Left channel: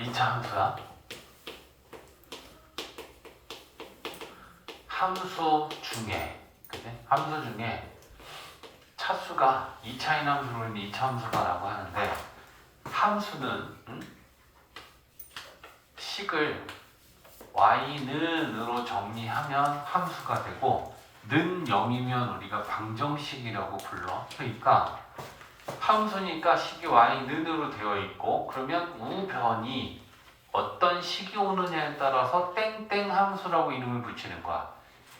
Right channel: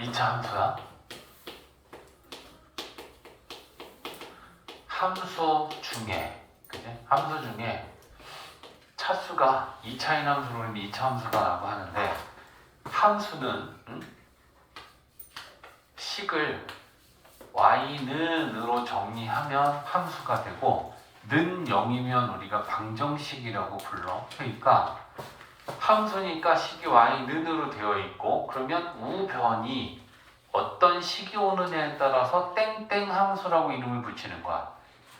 2차 함수야. 함수 중에, 그지? 함수 중에 차수가 2차인 함수를 우리는 2차 함수다라고 하는데, 함수는 식을 y는으로 정리하면 함수가 되고, 는 0이면 우리가 방정식이라고 불러. 그러니까 함수니까 식이 y는으로 되어 있고, 그러면 우변이 어떤 식이 오느냐에 따라서 땡땡 함수라고 이름을 붙이는 거야.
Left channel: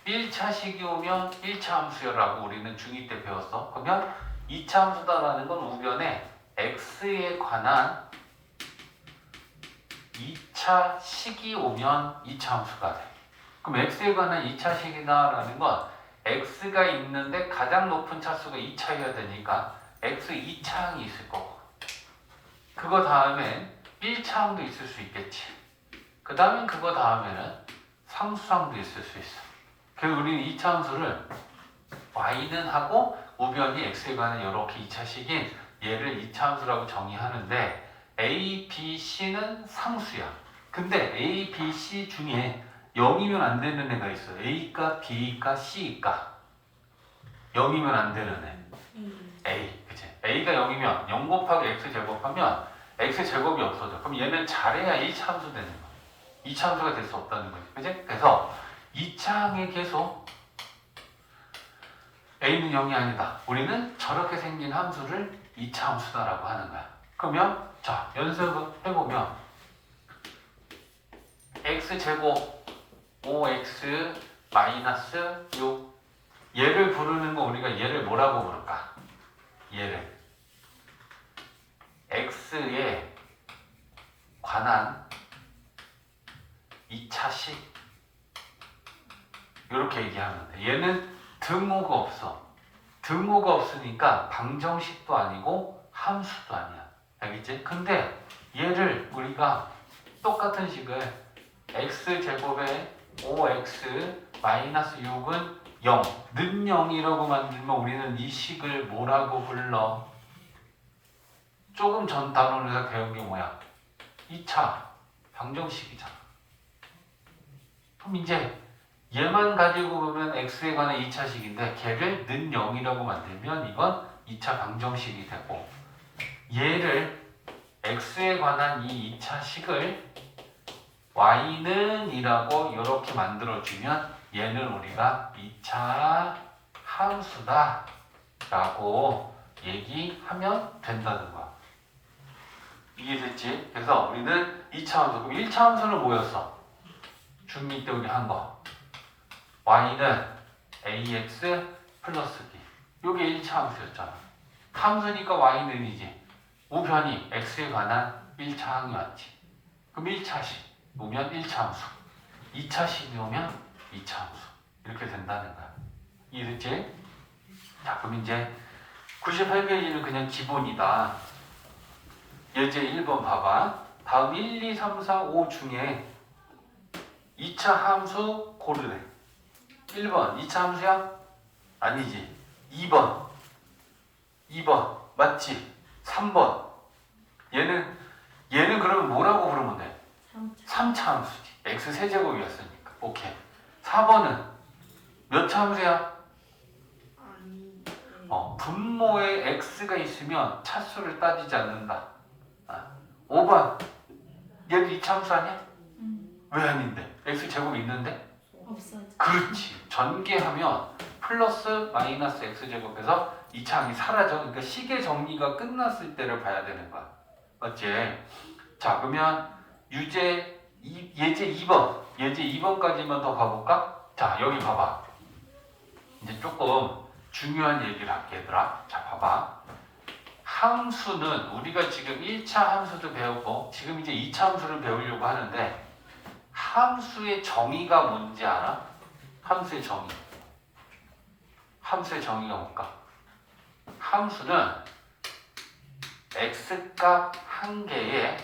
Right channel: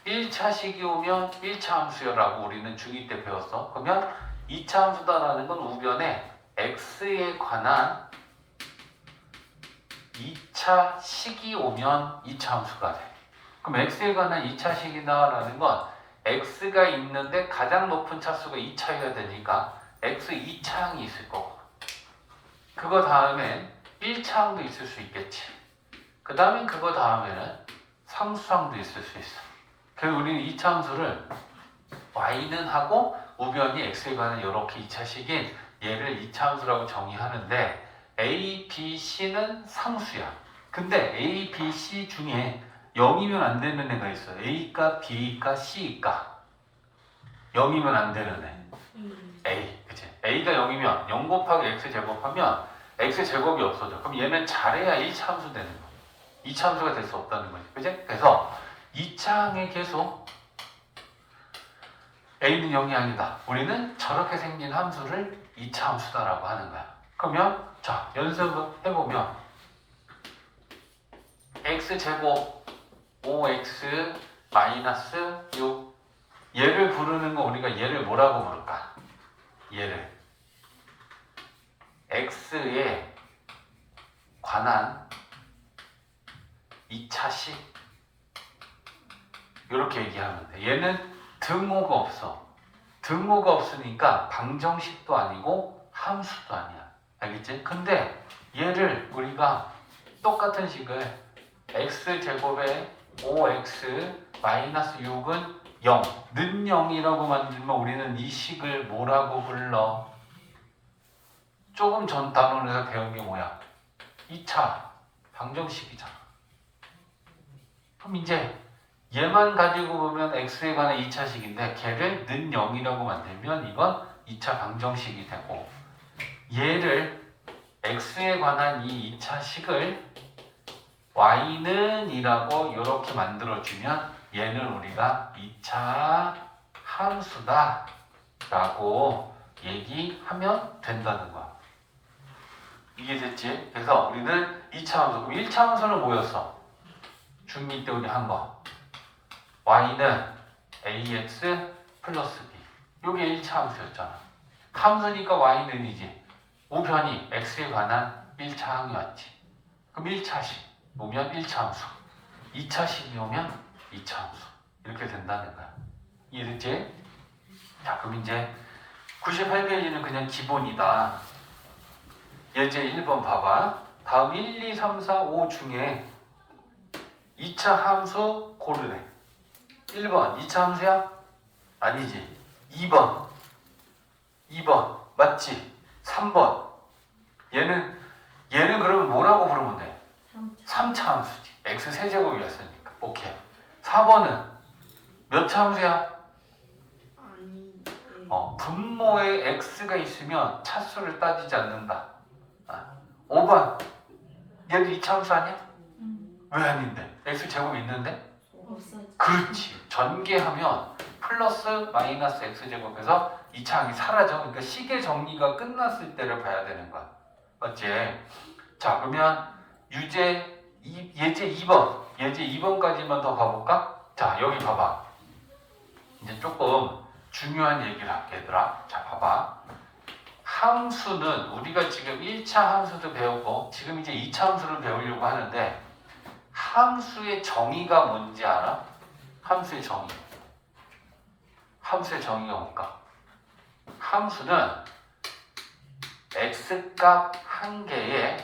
1차 식이 오면 1차 함수여라고 우리는 중2 때 배웠어. 그러면 2차 함수다라는 건 우변에 x에 관한 2차 식이 오면 2차 함수가 돼. 그럼 x에 관한 2차 식이다라는 건 x가 있는데 가장 높은 차수가 2차여야 되니까 x 2차항이 있을 거고, 그거 다음에 1차항도 있을 수 있겠지. 그 다음에 그거 다음에는 상수항도 있을 수 있어. 그래서 우리는 2차 함수를 y는 하고 우변이 x에 관한 이렇게 2차식인 얘를 2차 함수라고 정의하는데, a, b, c는 상수야. 근데 a, b, c 중에 0이면 안 되는 애가 있어. a가, b가, c가 0이면 안 되는 애. a, 그치? a가 0이면 0 곱하기 x 제곱하면 x 제곱이 없어져. 그럼 얘는 잘해야 1차 함수 되는 거야. 2차 함수가 될 수 없다는 거지. 그치? 그래서 2차항의 계수 a는 0이 아니다. 우리는 저렇게 생긴 함수를 2차 함수다라고 하는 거야. 그러면 자, 연습을 해보면 x제곱 5x 마이너스 6, 얘를 부르는 거 우리가 얘를 뭐라고 부를까? 얘를 x에 관한 2차식 이렇게 얘기하면 돼. 얘는 등호가 없어. 등호가 없으니까 방정식도 아니고 함수도 아니야. 알겠지? 근데 얘를 우리가 똑같은 식을 x제곱에 5x 마이너스 6은 0, 는 0이라고 만들면 우리는 이 식을 뭐라고 불러? 조금 전 단원에서 배운 게 뭐야? 2차 방정식이잖아. 그럼 이제 얘만 가지고 보면 x에 관한 2차식인데 걔를 는 0이라고 만들면 이건 2차 방정식이 되고, 얘를 x에 관한 이 2차식을 y는 이라고 이렇게 만들어주면 얘는 우리가 2차 함수다 라고 얘기하면 된다는 거야. 이해됐지? 그래서 우리는 2차 함수, 1차 함수는 뭐였어? 중2 때 우리 한 거. y는 ax 플러스 b. 요게 1차 함수였잖아. 함수니까 y는이지. 우변이 x에 관한 1차 항이 왔지. 그럼 1차식 오면 1차 함수, 2차식이 오면 2차 함수. 이렇게 된다는 거야. 이해됐지? 자, 그럼 이제 98페이지는 그냥 기본이다. 예제 1번 봐봐. 다음 1, 2, 3, 4, 5 중에 2차 함수 고르래. 1번 2차 함수야? 아니지. 2번 맞지? 3번 얘는 그러면 뭐라고 부르면 돼? 3차 함수지. x 세제곱이었으니까. 오케이. 4번은 몇 차 함수야? 분모에 x가 있으면 차수를 따지지 않는다. 5번 얘도 2차 함수 아니야? 왜 아닌데? x 제곱이 있는데? 없어져. 그렇지. 전개하면 플러스 마이너스 x제곱에서 2차항이 사라져. 그러니까 식의 정리가 끝났을 때를 봐야 되는 거야. 맞지? 자, 그러면 예제 2번. 예제 2번까지만 더 가볼까? 자, 여기 봐봐. 이제 조금 중요한 얘기를 할게, 얘들아. 자, 봐봐. 함수는 우리가 지금 1차 함수도 배웠고 지금 이제 2차 함수를 배우려고 하는데, 함수의 정의가 뭔지 알아? 함수의 정의. 함수의 정의가 뭘까? 함수는 x값 한 개에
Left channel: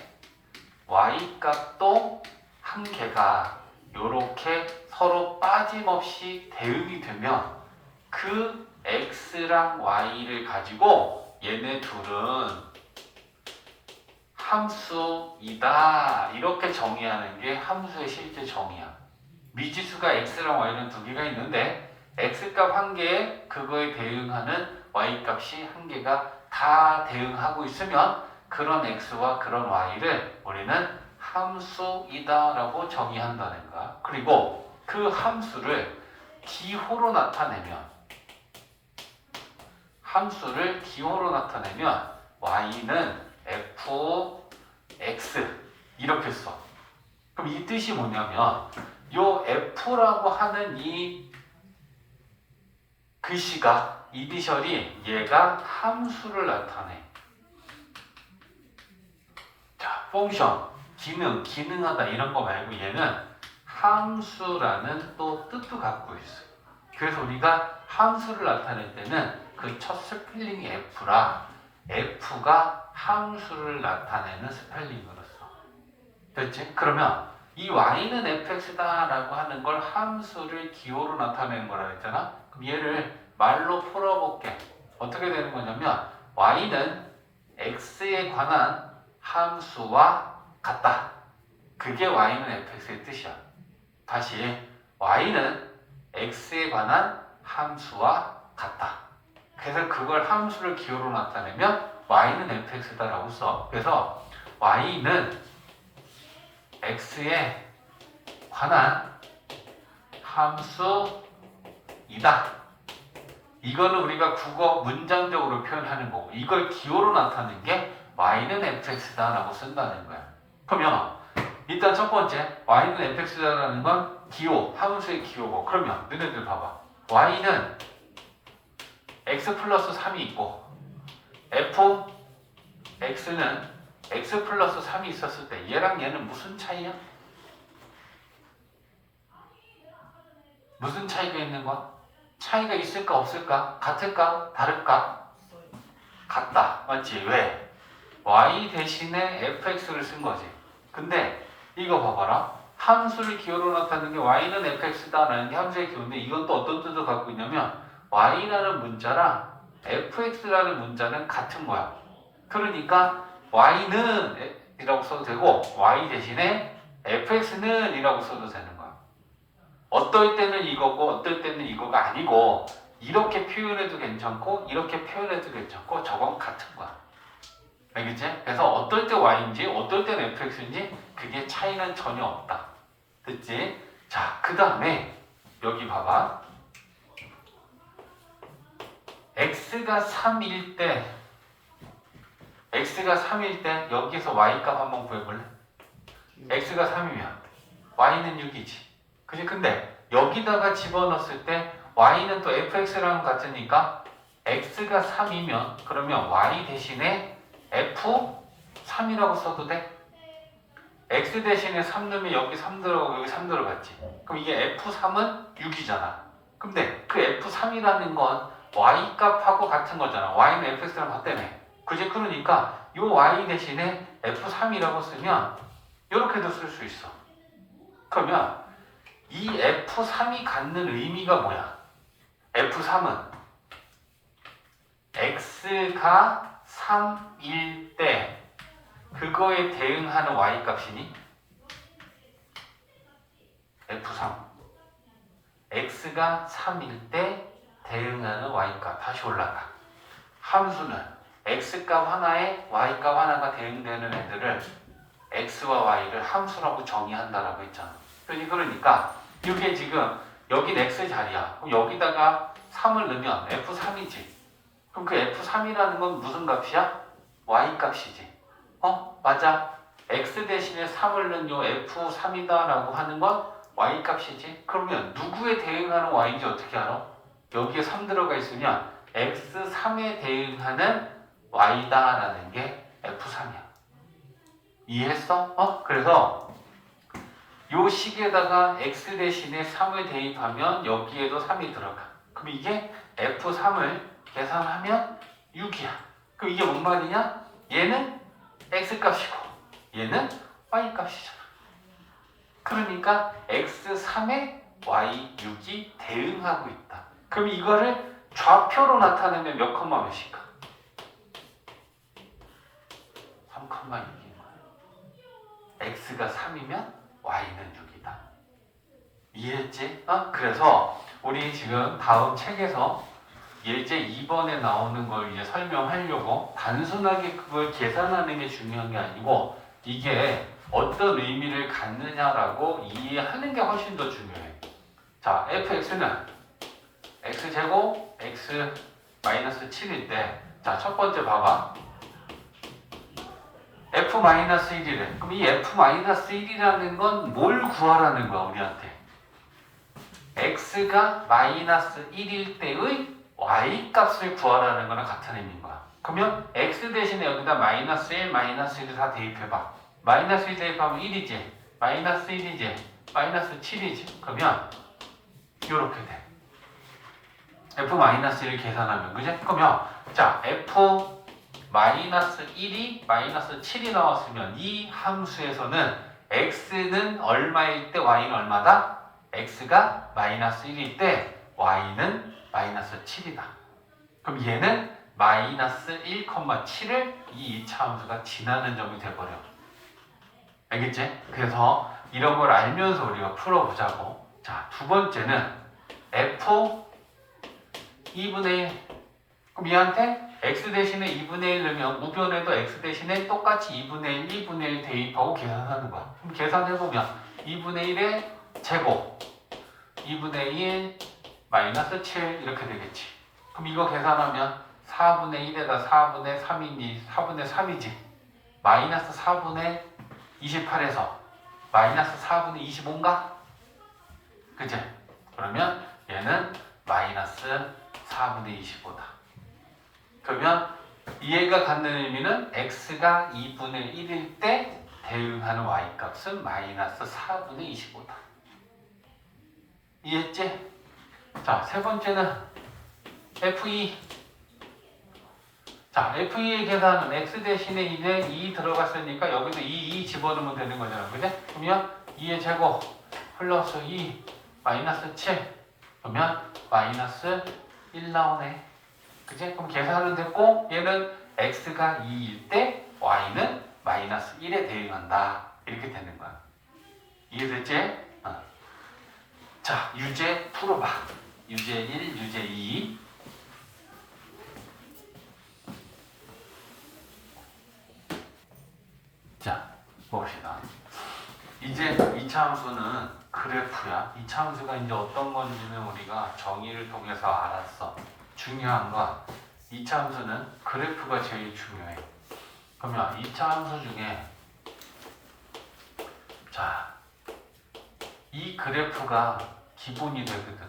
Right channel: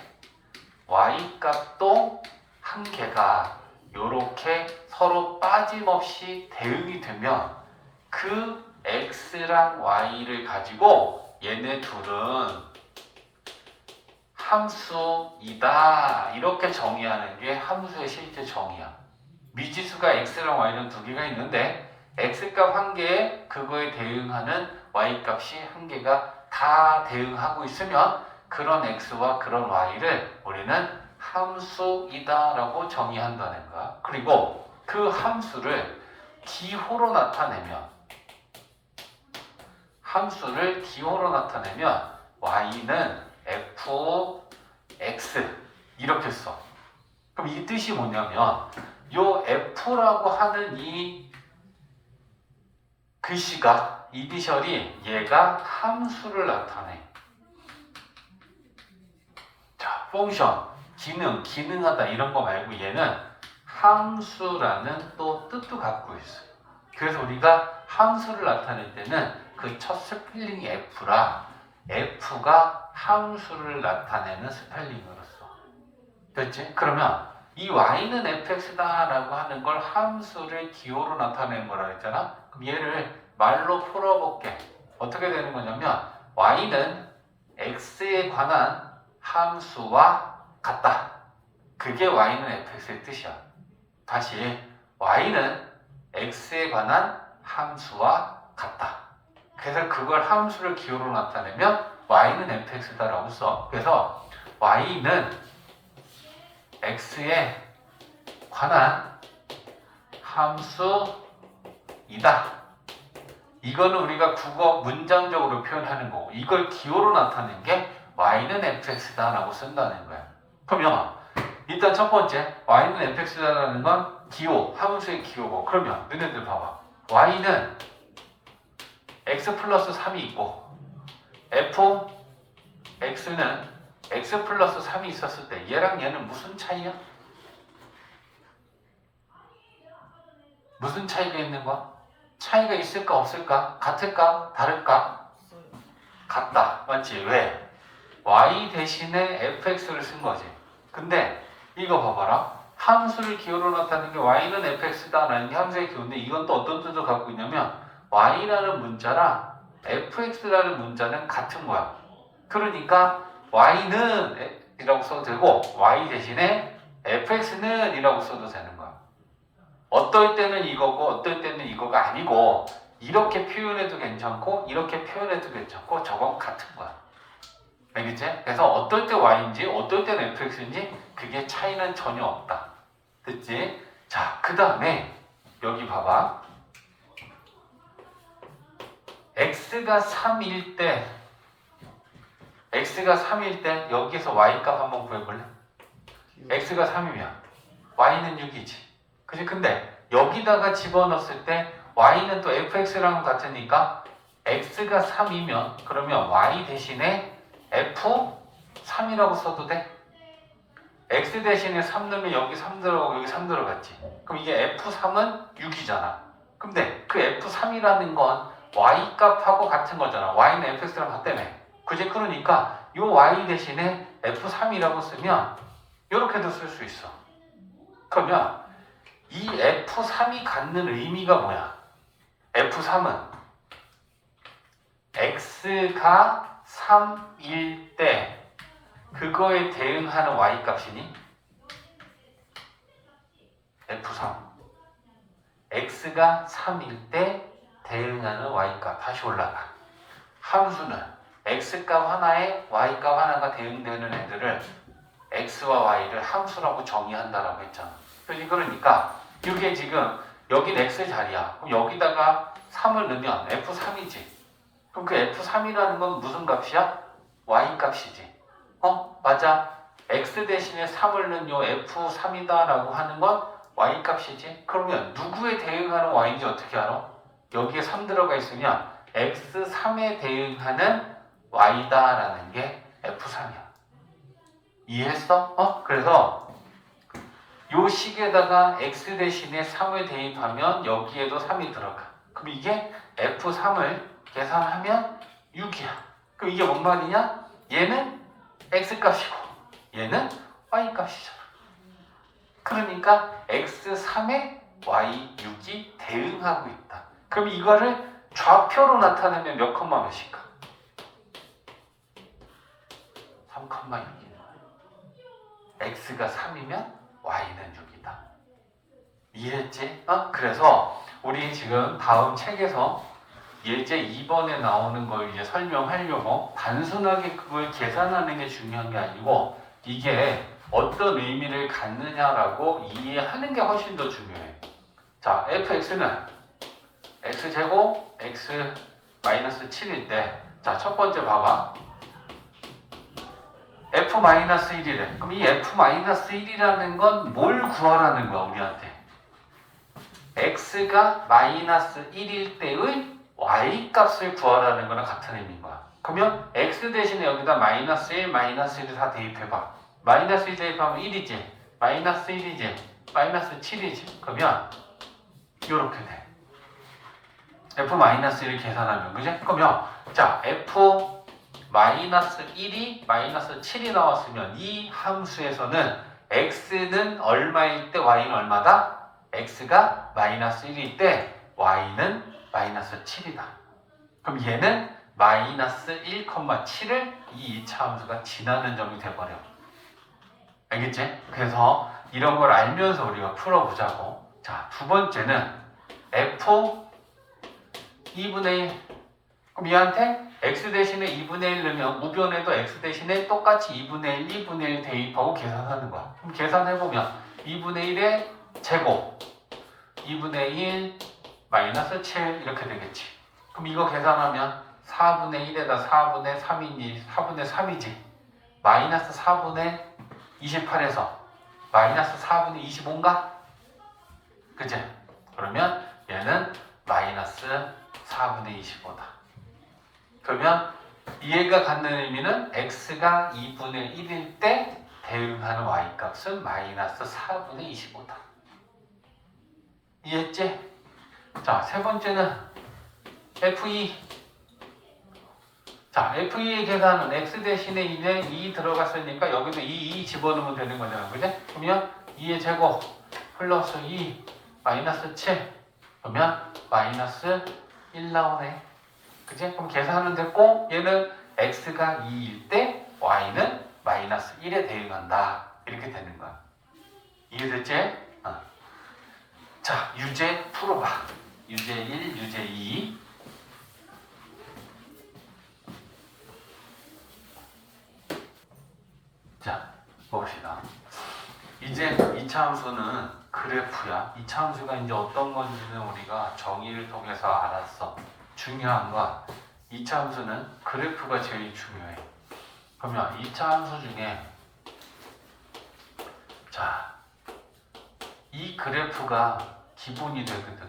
y값도 한 개가 이렇게 서로 빠짐없이 대응이 되면 그 x랑 y를 가지고 얘네 둘은 함수이다. 이렇게 정의하는 게 함수의 실제 정의야. 미지수가 x랑 y는 두 개가 있는데 x값 한 개에 그거에 대응하는 y값이 한 개가 다 대응하고 있으면 그런 x와 그런 y를 우리는 함수이다라고 정의한다는 거야. 그리고 그 함수를 기호로 나타내면 y는 fx 이렇게 써. 그럼 이 뜻이 뭐냐면 요 f라고 하는 이 글씨가 이니셜이 얘가 함수를 나타내. 자, 펑션, 기능하다 이런 거 말고 얘는 함수라는 또 뜻도 갖고 있어요. 그래서 우리가 함수를 나타낼 때는 그 첫 스펠링이 f라 f가 함수를 나타내는 스펠링으로 써. 됐지? 그러면 이 y는 fx다 라고 하는 걸 함수를 기호로 나타내는 거라 했잖아. 그럼 얘를 말로 풀어볼게. 어떻게 되는 거냐면 y는 x에 관한 함수와 같다. 그게 y는 fx의 뜻이야. 다시 y는 x에 관한 함수와 같다. 그래서 그걸 함수를 기호로 나타내면 y는 fx다라고 써. 그래서 y는 x에 관한 함수이다. 이거는 우리가 국어 문장적으로 표현하는 거고 이걸 기호로 나타내는 게 y는 fx다라고 쓴다는 거야. 그러면 일단 첫 번째 y는 fx다라는 건 기호, 함수의 기호고 그러면 너네들 봐봐. y는 x 플러스 3이 있고 fx는 x 플러스 3이 있었을 때 얘랑 얘는 무슨 차이야? 무슨 차이가 있는 거야? 차이가 있을까 없을까? 같을까? 다를까? 같다. 맞지? 왜? y 대신에 fx를 쓴 거지. 근데 이거 봐봐라. 함수를 기호로 나타내는 게 y는 fx다라는 게 함수의 기호인데 이건 또 어떤 뜻을 갖고 있냐면 y라는 문자랑 fx라는 문자는 같은 거야. 그러니까 y는 이라고 써도 되고 y 대신에 fx는 이라고 써도 되는 거야. 어떨 때는 이거고 어떨 때는 이거가 아니고 이렇게 표현해도 괜찮고 이렇게 표현해도 괜찮고 저건 같은 거야. 알겠지? 그래서 어떨 때 y인지 어떨 때는 fx인지 그게 차이는 전혀 없다. 됐지? 자, 그 다음에 여기 봐봐. x가 3일 때 여기서 y값 한번 구해볼래? x가 3이면 y는 6이지. 그치? 근데 여기다가 집어넣었을 때 y는 또 fx랑 같으니까 x가 3이면 그러면 y 대신에 f3이라고 써도 돼? x 대신에 3 넣으면 여기 3 들어가고 여기 3 들어갔지. 그럼 이게 f3은 6이잖아. 근데 그 f3이라는 건 y 값하고 같은 거잖아. y는 fx랑 같다며. 그지? 그러니까 이 y 대신에 f3이라고 쓰면 이렇게도 쓸 수 있어. 그러면 이 f3이 갖는 의미가 뭐야? f3은 x가 3일 때 그거에 대응하는 y값이니 f3 x가 3일 때 대응하는 y값. 다시 올라가. 함수는 x값 하나에 y값 하나가 대응되는 애들을 x와 y를 함수라고 정의한다라고 했잖아. 그러니까 이게 지금 여긴 x 자리야. 그럼 여기다가 3을 넣으면 f3이지. 그럼 그 f3이라는 건 무슨 값이야? y 값이지. 맞아. x 대신에 3을 넣은 요 f3이다라고 하는 건 y 값이지. 그러면 누구에 대응하는 y인지 어떻게 알아? 여기에 3 들어가 있으면 x3에 대응하는 y다라는 게 f3이야. 이해했어? 그래서 요 식에다가 x 대신에 3을 대입하면 여기에도 3이 들어가. 그럼 이게 f3을 계산하면 6이야. 그럼 이게 뭔 말이냐? 얘는 x값이고 얘는 y값이잖아. 그러니까 x3에 y6이 대응하고 있다. 그럼 이거를 좌표로 나타내면 몇 컴마 몇일까? 3,6이야. x가 3이면 y는 6이다. 이해했지? 그래서 우리 지금 다음 책에서 예제 2번에 나오는 걸 이제 설명하려고 단순하게 그걸 계산하는 게 중요한 게 아니고 이게 어떤 의미를 갖느냐라고 이해하는 게 훨씬 더 중요해. 자, fx는 x제곱 x 마이너스 7일 때, 자, 첫 번째 봐봐. f-1이래. 그럼 이 f-1이라는 건 뭘 구하라는 거야, 우리한테? x가 마이너스 1일 때의 y 값을 구하라는 거랑 같은 의미인 거야. 그러면 x 대신에 여기다 마이너스 1, 마이너스 1을 다 대입해봐. 마이너스 1 대입하면 1이지, 마이너스 1이지, 마이너스 7이지. 그러면 이렇게 돼. f-1을 계산하면, 그지? 그러면 자, f-1이 마이너스 7이 나왔으면 이 함수에서는 x는 얼마일 때 y는 얼마다? x가 마이너스 1일 때 y는 마이너스 7이다. 그럼 얘는 마이너스 1,7을 이 2차 함수가 지나는 점이 돼버려. 알겠지? 그래서 이런 걸 알면서 우리가 풀어보자고. 자, 두 번째는 f 2분의 1. 그럼 얘한테 x 대신에 2분의 1 넣으면 우변에도 x 대신에 똑같이 2분의 1, 2분의 1 대입하고 계산하는 거야. 그럼 계산해보면 2분의 1의 제곱 2분의 1 마이너스 7 이렇게 되겠지. 그럼 이거 계산하면 4분의 1에다 4분의 3이니 4분의 3이지. 마이너스 4분의 28에서 마이너스 4분의 25인가? 그치? 그러면 얘는 마이너스 4분의 25다. 그러면 얘가 갖는 의미는 x가 2분의 1일 때 대응하는 y값은 마이너스 4분의 25다. 이해했지? 자, 세 번째는 F2. 자, F2의 계산은 x 대신에 2에 2 들어갔으니까 여기도 2 집어넣으면 되는 거잖아. 그지? 그러면 2의 제곱 플러스 2 마이너스 7 그러면 마이너스 1 나오네. 그지? 그럼 계산은 됐고 얘는 x가 2일 때 y는 마이너스 1에 대응한다. 이렇게 되는 거야. 이해됐지? 자, 유제 풀어봐. 유제 1, 유제 2. 자, 봅시다. 이제 2차 함수는 그래프야. 2차 함수가 이제 어떤 건지는 우리가 정의를 통해서 알았어. 중요한 건 2차 함수는 그래프가 제일 중요해. 그러면 2차 함수 중에 자, 이 그래프가 기본이 되거든.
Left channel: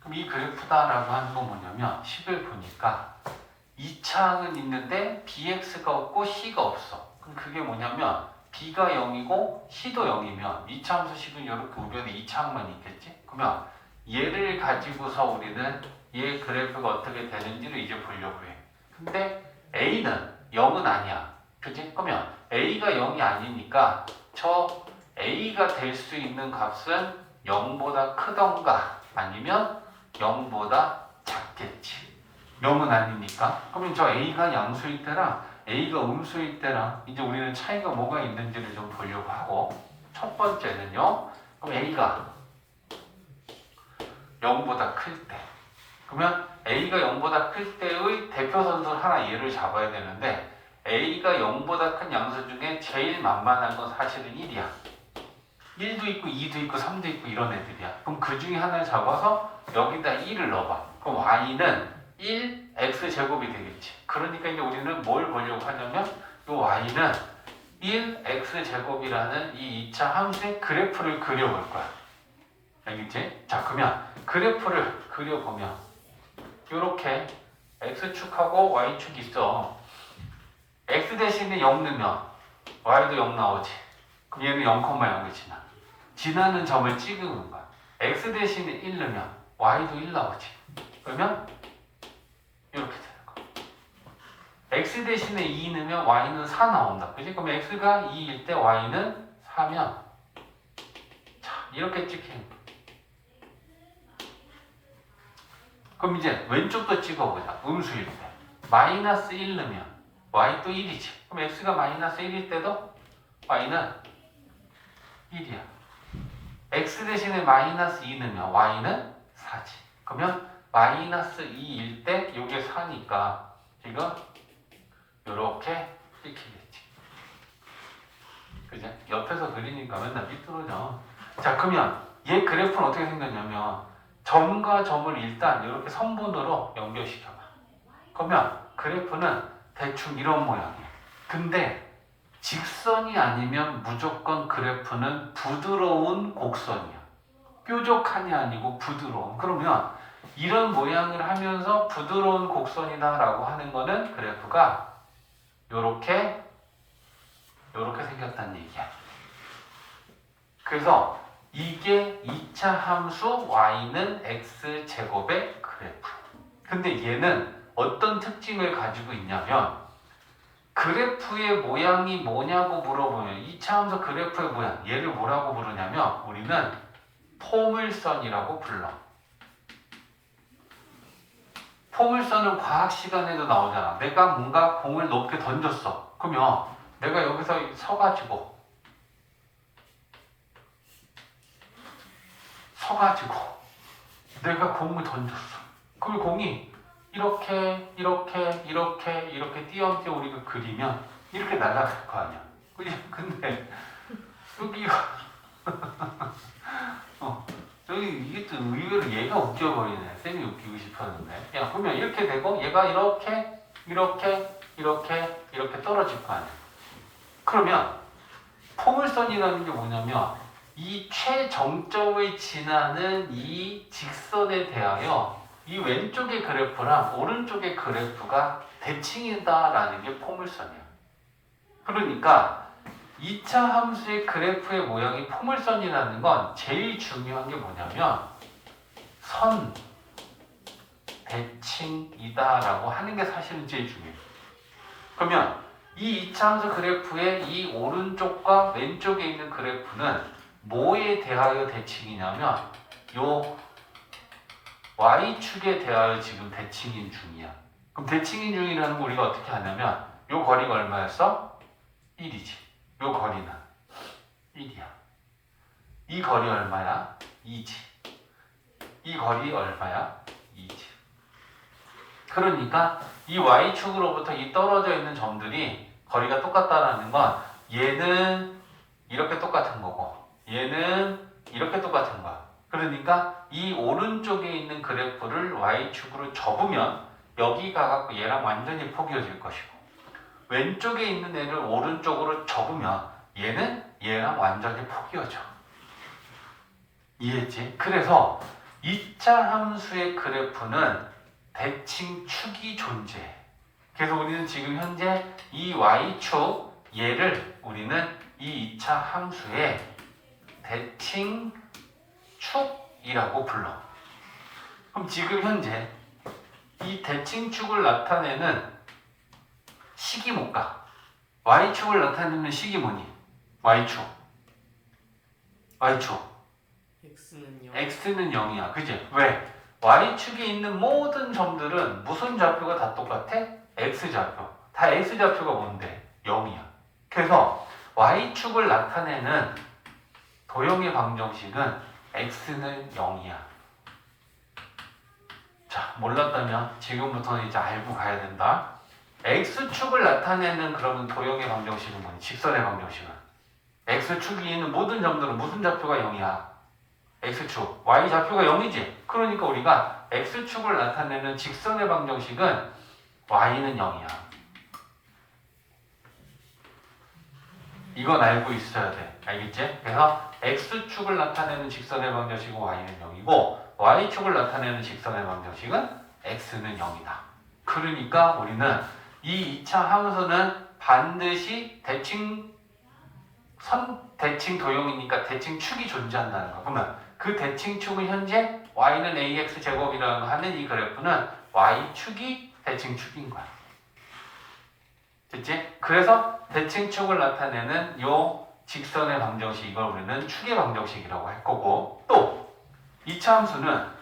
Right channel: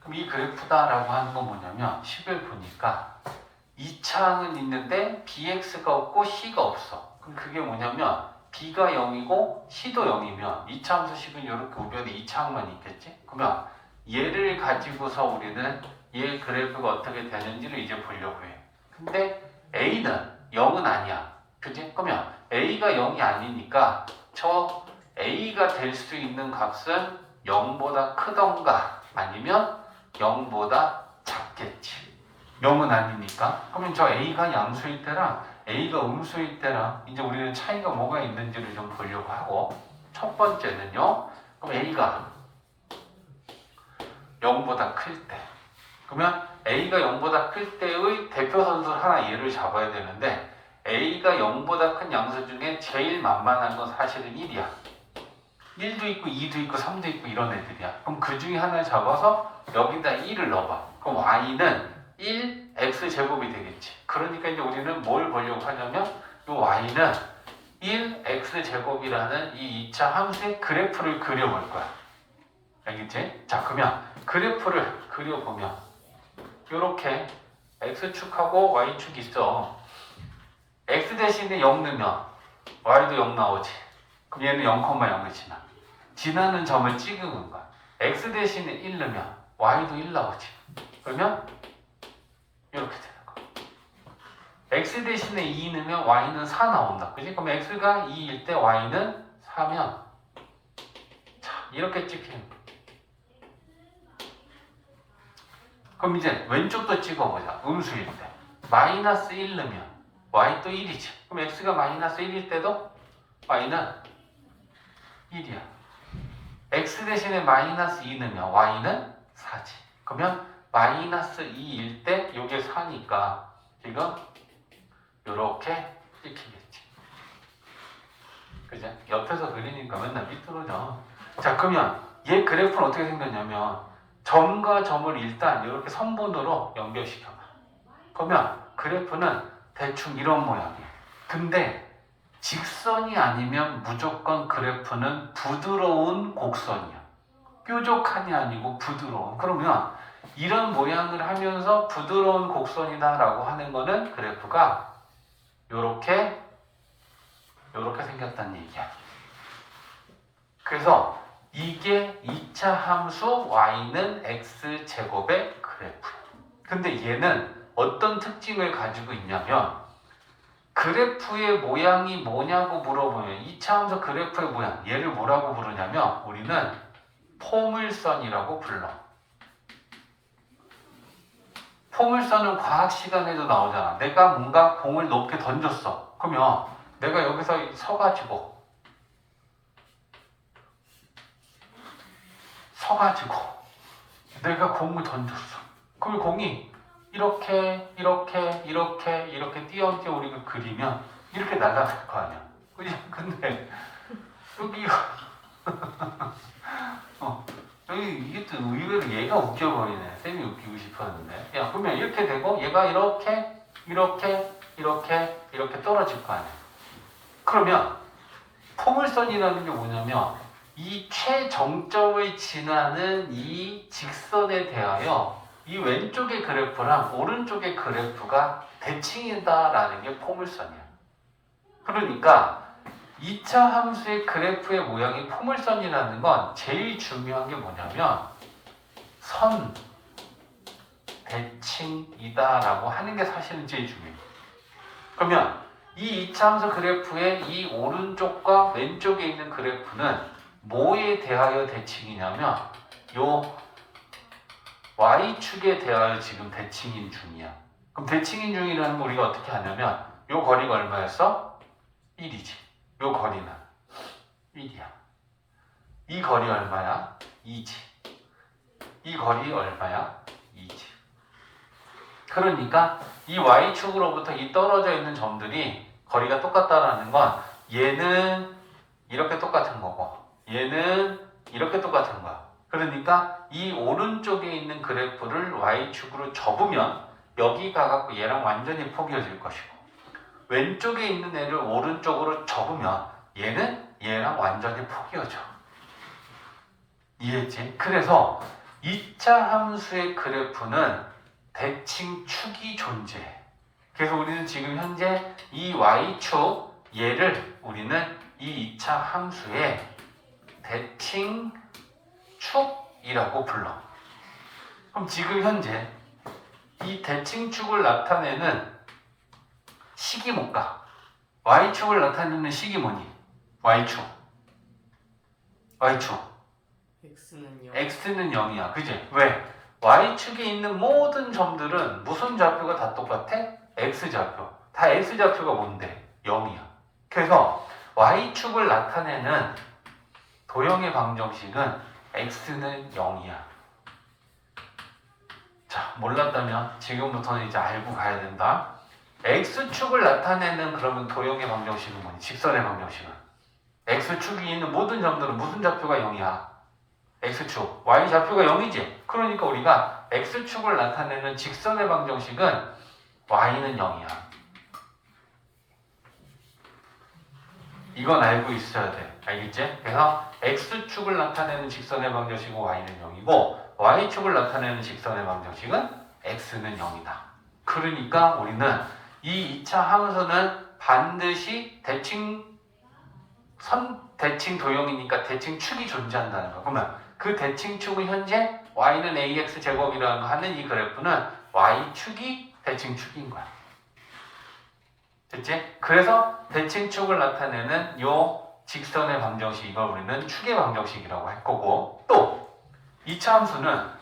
그럼 이 그래프다라고 하는 건 뭐냐면 식을 보니까 2차항은 있는데 bx가 없고 c가 없어. 그럼 그게 뭐냐면 b가 0이고 c도 0이면 2차 함수식은 이렇게 우변에 2차항만 있겠지? 그러면 얘를 가지고서 우리는 얘 그래프가 어떻게 되는지를 이제 보려고 해. 근데 a는 0은 아니야. 그치? 그러면 a가 0이 아니니까 저 a가 될 수 있는 값은 0보다 크던가 아니면 0보다 작겠지. 0은 아니니까. 그러면 저 a가 양수일 때랑 a가 음수일 때랑 이제 우리는 차이가 뭐가 있는지를 좀 보려고 하고 첫 번째는요. 그럼 a가 0보다 클 때. 그러면 a가 0보다 클 때의 대표 선수 하나 예를 잡아야 되는데 a가 0보다 큰 양수 중에 제일 만만한 건 사실은 1이야. 1도 있고 2도 있고 3도 있고 이런 애들이야. 그럼 그 중에 하나를 잡아서 여기다 1을 넣어봐. 그럼 y는 1 x제곱이 되겠지. 그러니까 이제 우리는 뭘 보려고 하냐면 이 y는 1 x제곱이라는 이 2차 함수의 그래프를 그려볼 거야. 알겠지? 자, 그러면 그래프를 그려보면 이렇게 x축하고 y축 있어. x 대신에 0 넣으면 y도 0 나오지. 그럼 얘는 0,0이 지나. 지나는 점을 찍은 거야. x 대신에 1 넣으면 y도 1 나오지. 그러면 이렇게 되는 거야. x 대신에 2 넣으면 y는 4 나온다. 그지? 그럼 x가 2일 때 y는 4면 자, 이렇게 찍히는 거야. 그럼 이제 왼쪽도 찍어보자. 음수일 때. 마이너스 1 넣으면 y도 1이지. 그럼 x가 마이너스 1일 때도 y는 1이야. x 대신에 마이너스 2는요. y는 4지. 그러면 마이너스 2일 때 요게 4니까 지금 요렇게 찍히겠지. 그죠? 옆에서 그리니까 맨날 삐뚤어져. 자, 그러면 얘 그래프는 어떻게 생겼냐면 점과 점을 일단 이렇게 선분으로 연결시켜봐. 그러면 그래프는 대충 이런 모양이야. 근데 직선이 아니면 무조건 그래프는 부드러운 곡선이야. 뾰족한이 아니고 부드러운. 그러면 이런 모양을 하면서 부드러운 곡선이다라고 하는 거는 그래프가 요렇게 생겼다는 얘기야. 그래서 이게 2차 함수 y는 x제곱의 그래프야. 근데 얘는 어떤 특징을 가지고 있냐면 그래프의 모양이 뭐냐고 물어보면 2차 함수 그래프의 모양 얘를 뭐라고 부르냐면 우리는 포물선이라고 불러. 포물선은 과학 시간에도 나오잖아. 내가 뭔가 공을 높게 던졌어. 그러면 내가 여기서 서가지고 내가 공을 던졌어. 그럼 공이 이렇게 띄엄띄엄 우리가 그리면 이렇게 날아갈 거 아니야. 그지? 근데 여기가 여기 이게 또 의외로 얘가 웃겨버리네. 쌤이 웃기고 싶었는데. 야, 그러면 이렇게 되고 얘가 이렇게 떨어질 거 아니야. 그러면 포물선이라는 게 뭐냐면 이 최정점을 지나는 이 직선에 대하여 이 왼쪽의 그래프랑 오른쪽의 그래프가 대칭이다라는 게 포물선이야. 그러니까 2차 함수의 그래프의 모양이 포물선이라는 건 제일 중요한 게 뭐냐면 선 대칭이다라고 하는 게 사실은 제일 중요해요. 그러면 이 2차 함수 그래프의 이 오른쪽과 왼쪽에 있는 그래프는 뭐에 대하여 대칭이냐면 요 y축에 대하여 지금 대칭인 중이야. 그럼 대칭인 중이라는 거 우리가 어떻게 하냐면 요 거리가 얼마였어? 1이지. 요 거리는 1이야. 이 거리 얼마야? 2지. 이 거리 얼마야? 2지. 그러니까 이 y축으로부터 이 떨어져 있는 점들이 거리가 똑같다라는 건 얘는 이렇게 똑같은 거고 얘는 이렇게 똑같은 거야. 그러니까 이 오른쪽에 있는 그래프를 y축으로 접으면 여기 가갖고 얘랑 완전히 포개질 것이고 왼쪽에 있는 애를 오른쪽으로 접으면 얘는 얘랑 완전히 포개져. 이해했지? 그래서 2차 함수의 그래프는 대칭축이 존재해. 그래서 우리는 지금 현재 이 y축 얘를 우리는 이 2차 함수의 대칭축이라고 불러. 그럼 지금 현재 이 대칭축을 나타내는 식이 뭘까? y축을 나타내는 식이 뭐니? y축 x는 0이야. 그지? 왜? y축에 있는 모든 점들은 무슨 좌표가 다 똑같아? x좌표. 다 x좌표가 뭔데? 0이야. 그래서 y축을 나타내는 도형의 방정식은 x는 0이야. 자, 몰랐다면 지금부터는 이제 알고 가야 된다. x축을 나타내는 그러면 도형의 방정식은 뭐니? 직선의 방정식은 x축이 있는 모든 점들은 무슨 좌표가 0이야? x축, y좌표가 0이지? 그러니까 우리가 x축을 나타내는 직선의 방정식은 y는 0이야. 이건 알고 있어야 돼. 알겠지? 그래서 x축을 나타내는 직선의 방정식은 y는 0이고 y축을 나타내는 직선의 방정식은 x는 0이다. 그러니까 우리는 이 2차 함수는 반드시 대칭 도형이니까 대칭축이 존재한다는 거. 그러면 그 대칭축은 현재 y는 ax 제곱이라고 하는 이 그래프는 y축이 대칭축인 거야. 됐지? 그래서 대칭축을 나타내는 요 직선의 방정식 이걸 우리는 축의 방정식이라고 할 거고 또 2차 함수는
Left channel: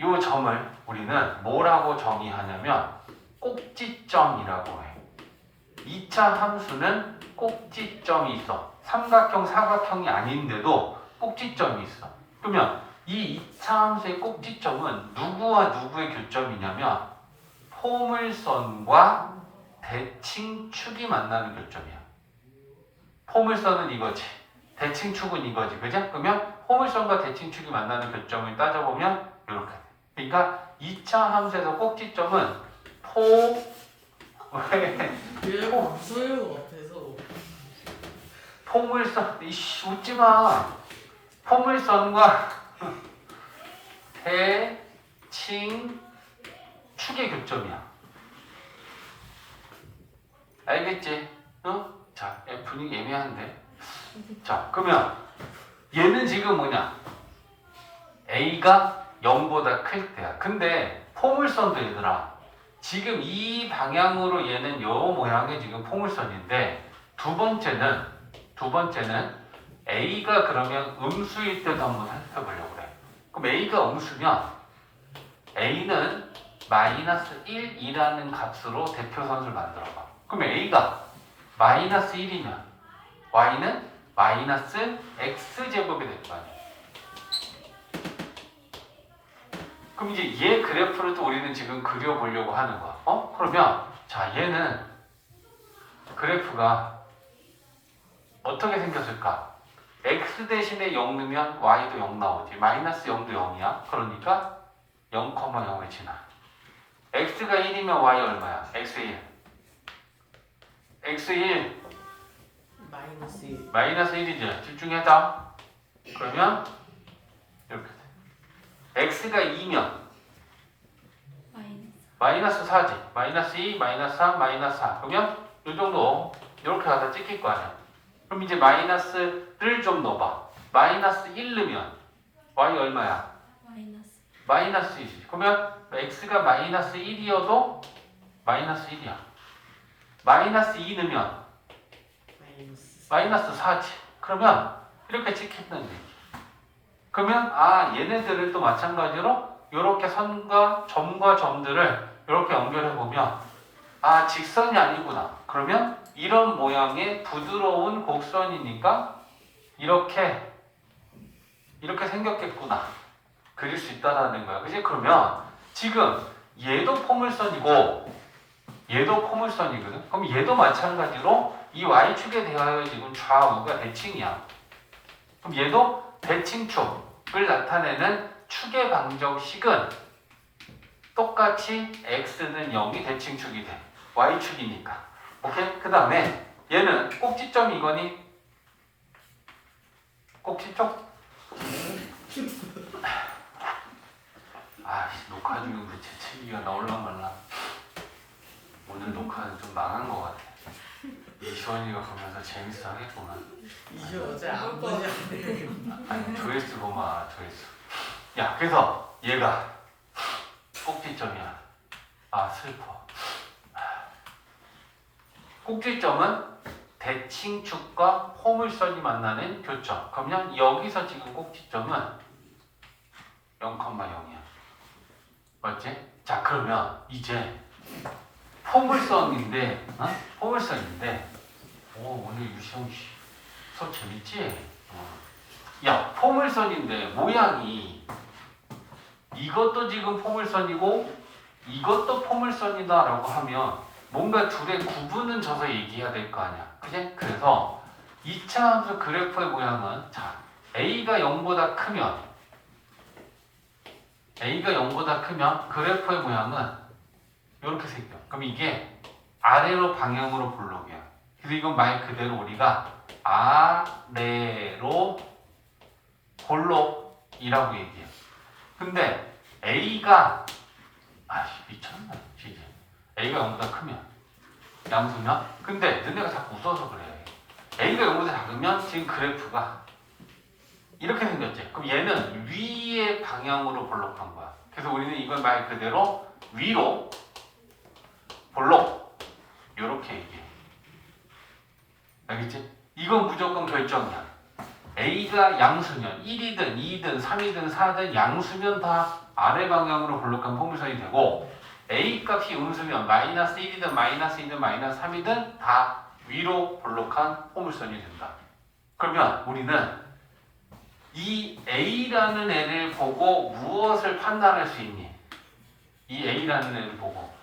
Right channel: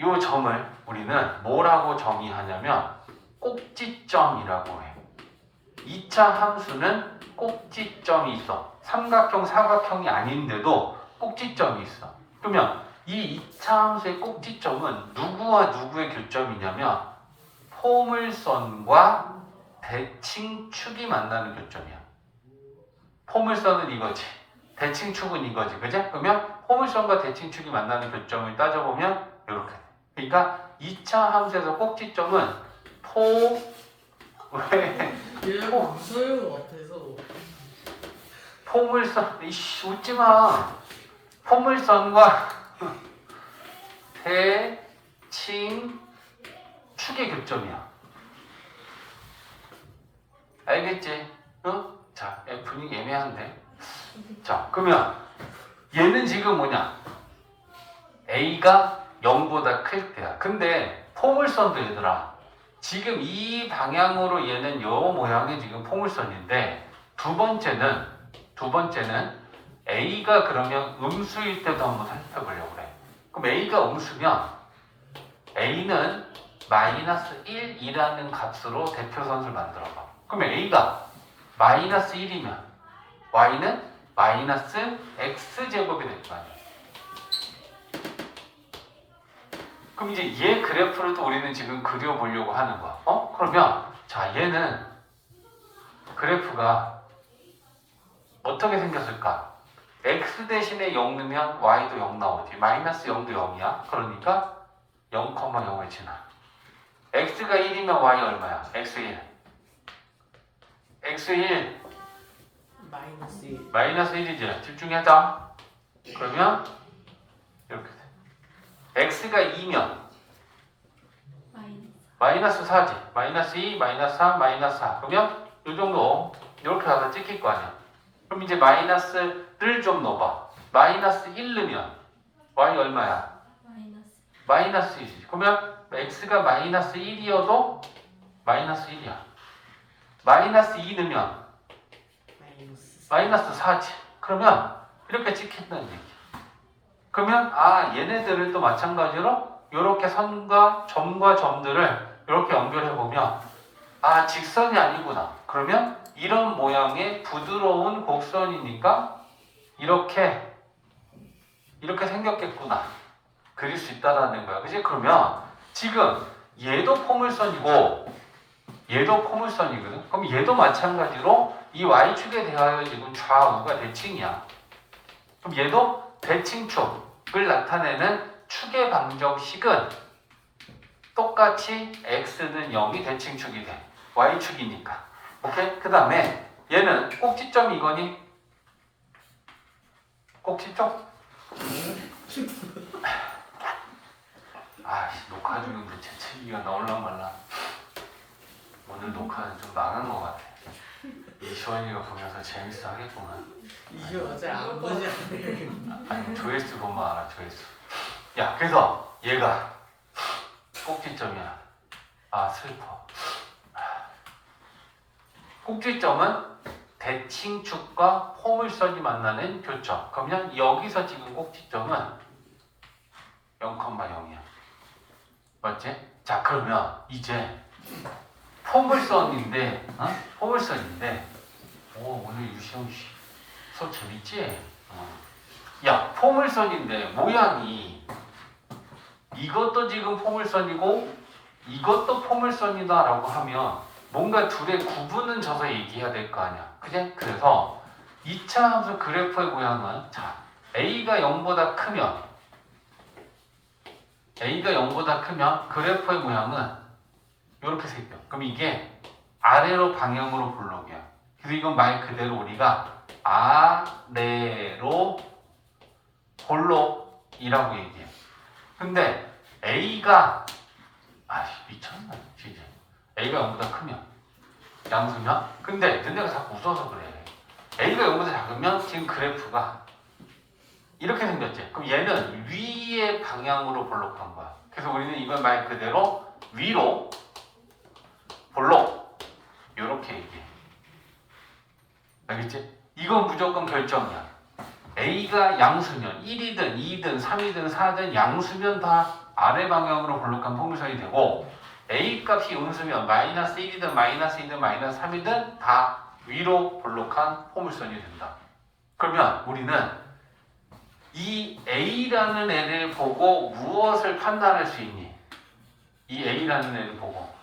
요 점을 우리는 뭐라고 정의하냐면 꼭지점이라고 해. 2차 함수는 꼭지점이 있어. 삼각형, 사각형이 아닌데도 꼭지점이 있어. 그러면 이 2차 함수의 꼭지점은 누구와 누구의 교점이냐면 포물선과 대칭축이 만나는 교점이야. 포물선은 이거지. 대칭축은 이거지. 그죠? 그러면 포물선과 대칭축이 만나는 교점을 따져보면 이렇게. 그러니까 2차 함수에서 꼭지점은 왜? 얘가 무서운 것 같아서. 포물선, 이씨, 웃지 마. 포물선과 대칭축의 교점이야. 알겠지? 어? 자, F는 애매한데. 자, 그러면 얘는 지금 뭐냐? A가 0보다 클 때야. 근데 포물선도 얘들아. 지금 이 방향으로 얘는 요 모양의 지금 포물선인데 두 번째는 A가 그러면 음수일 때도 한번 살펴보려고 그래. 그럼 A가 음수면 A는 마이너스 1이라는 값으로 대표선을 만들어봐. 그럼 A가 마이너스 1이면 Y는 마이너스 X제곱이 될 거 아니야. 그럼 이제 얘 그래프를 또 우리는 지금 그려보려고 하는 거야. 그러면 자 얘는 그래프가 어떻게 생겼을까? X 대신에 0 넣으면 Y도 0 나오지. 마이너스 0도 0이야. 그러니까 0,0을 지나. X가 1이면 Y 얼마야? X1. X1 마이너스 1. 마이너스 1이지. 집중해자. 그러면 이렇게 돼. X가 2면 마이너스 4지. 마이너스 2, 마이너스 3, 마이너스 4. 그러면 이 정도 이렇게 가서 찍힐 거 아니야. 그럼 이제 마이너스를 좀 넣어봐. 마이너스 1 넣으면 Y 얼마야? 마이너스 1이지. 그러면 X가 마이너스 1이어도 마이너스 1이야. 마이너스 2 넣으면 마이너스 4지. 그러면 이렇게 찍힌다는 얘기. 그러면 얘네들을 또 마찬가지로 이렇게 선과 점과 점들을 이렇게 연결해 보면 직선이 아니구나. 그러면 이런 모양의 부드러운 곡선이니까 이렇게 생겼겠구나. 그릴 수 있다라는 거야. 그치? 그러면 지금 얘도 포물선이고 얘도 포물선이거든. 그럼 얘도 마찬가지로 이 y축에 대하여 지금 좌우가 대칭이야. 그럼 얘도 대칭축을 나타내는 축의 방정식은 똑같이 x는 0이 대칭축이 돼. y축이니까. 오케이? 그 다음에 얘는 꼭지점이 이거니? 꼭지점? 녹화 중인데 재채기가 나올란 말라. 오늘 녹화는 좀 망한 것 같아. 이시원이가 보면서 재밌어 하겠구만. 이시원 어제 안 보지 않아요? 조회수 보면 알아, 조회수. 야, 그래서 얘가 꼭지점이야. 슬퍼. 꼭지점은 대칭축과 포물선이 만나는 교점. 그러면 여기서 지금 꼭지점은 0,0이야. 맞지? 자, 그러면 이제 포물선인데, 포물선인데, 오늘 유시원 씨 수업 재밌지? 야, 포물선인데 모양이 이것도 지금 포물선이고 이것도 포물선이다라고 하면 뭔가 둘의 구분은 져서 얘기해야 될 거 아니야. 그래? 그래서 2차 함수 그래프의 모양은 A가 0보다 크면 그래프의 모양은 이렇게 생겨. 그럼 이게 아래로 방향으로 볼록이야. 그래서 이건 말 그대로 우리가 아래로 볼록이라고 얘기해. 근데 A가 미쳤나 진짜. A가 0보다 크면 양수면? 근데 너네가 자꾸 웃어서 그래. A가 0보다 작으면 지금 그래프가 이렇게 생겼지. 그럼 얘는 위의 방향으로 볼록한 거야. 그래서 우리는 이걸 말 그대로 위로 볼록 이렇게 얘기해. 알겠지? 이건 무조건 결정이야. A가 양수면 1이든 2든 3이든 4든 양수면 다 아래 방향으로 볼록한 포물선이 되고 A 값이 음수면 마이너스 1이든 마이너스 2든 마이너스 3이든 다 위로 볼록한 포물선이 된다. 그러면 우리는 이 A라는 애를 보고 무엇을 판단할 수 있니? 이 A라는 애를 보고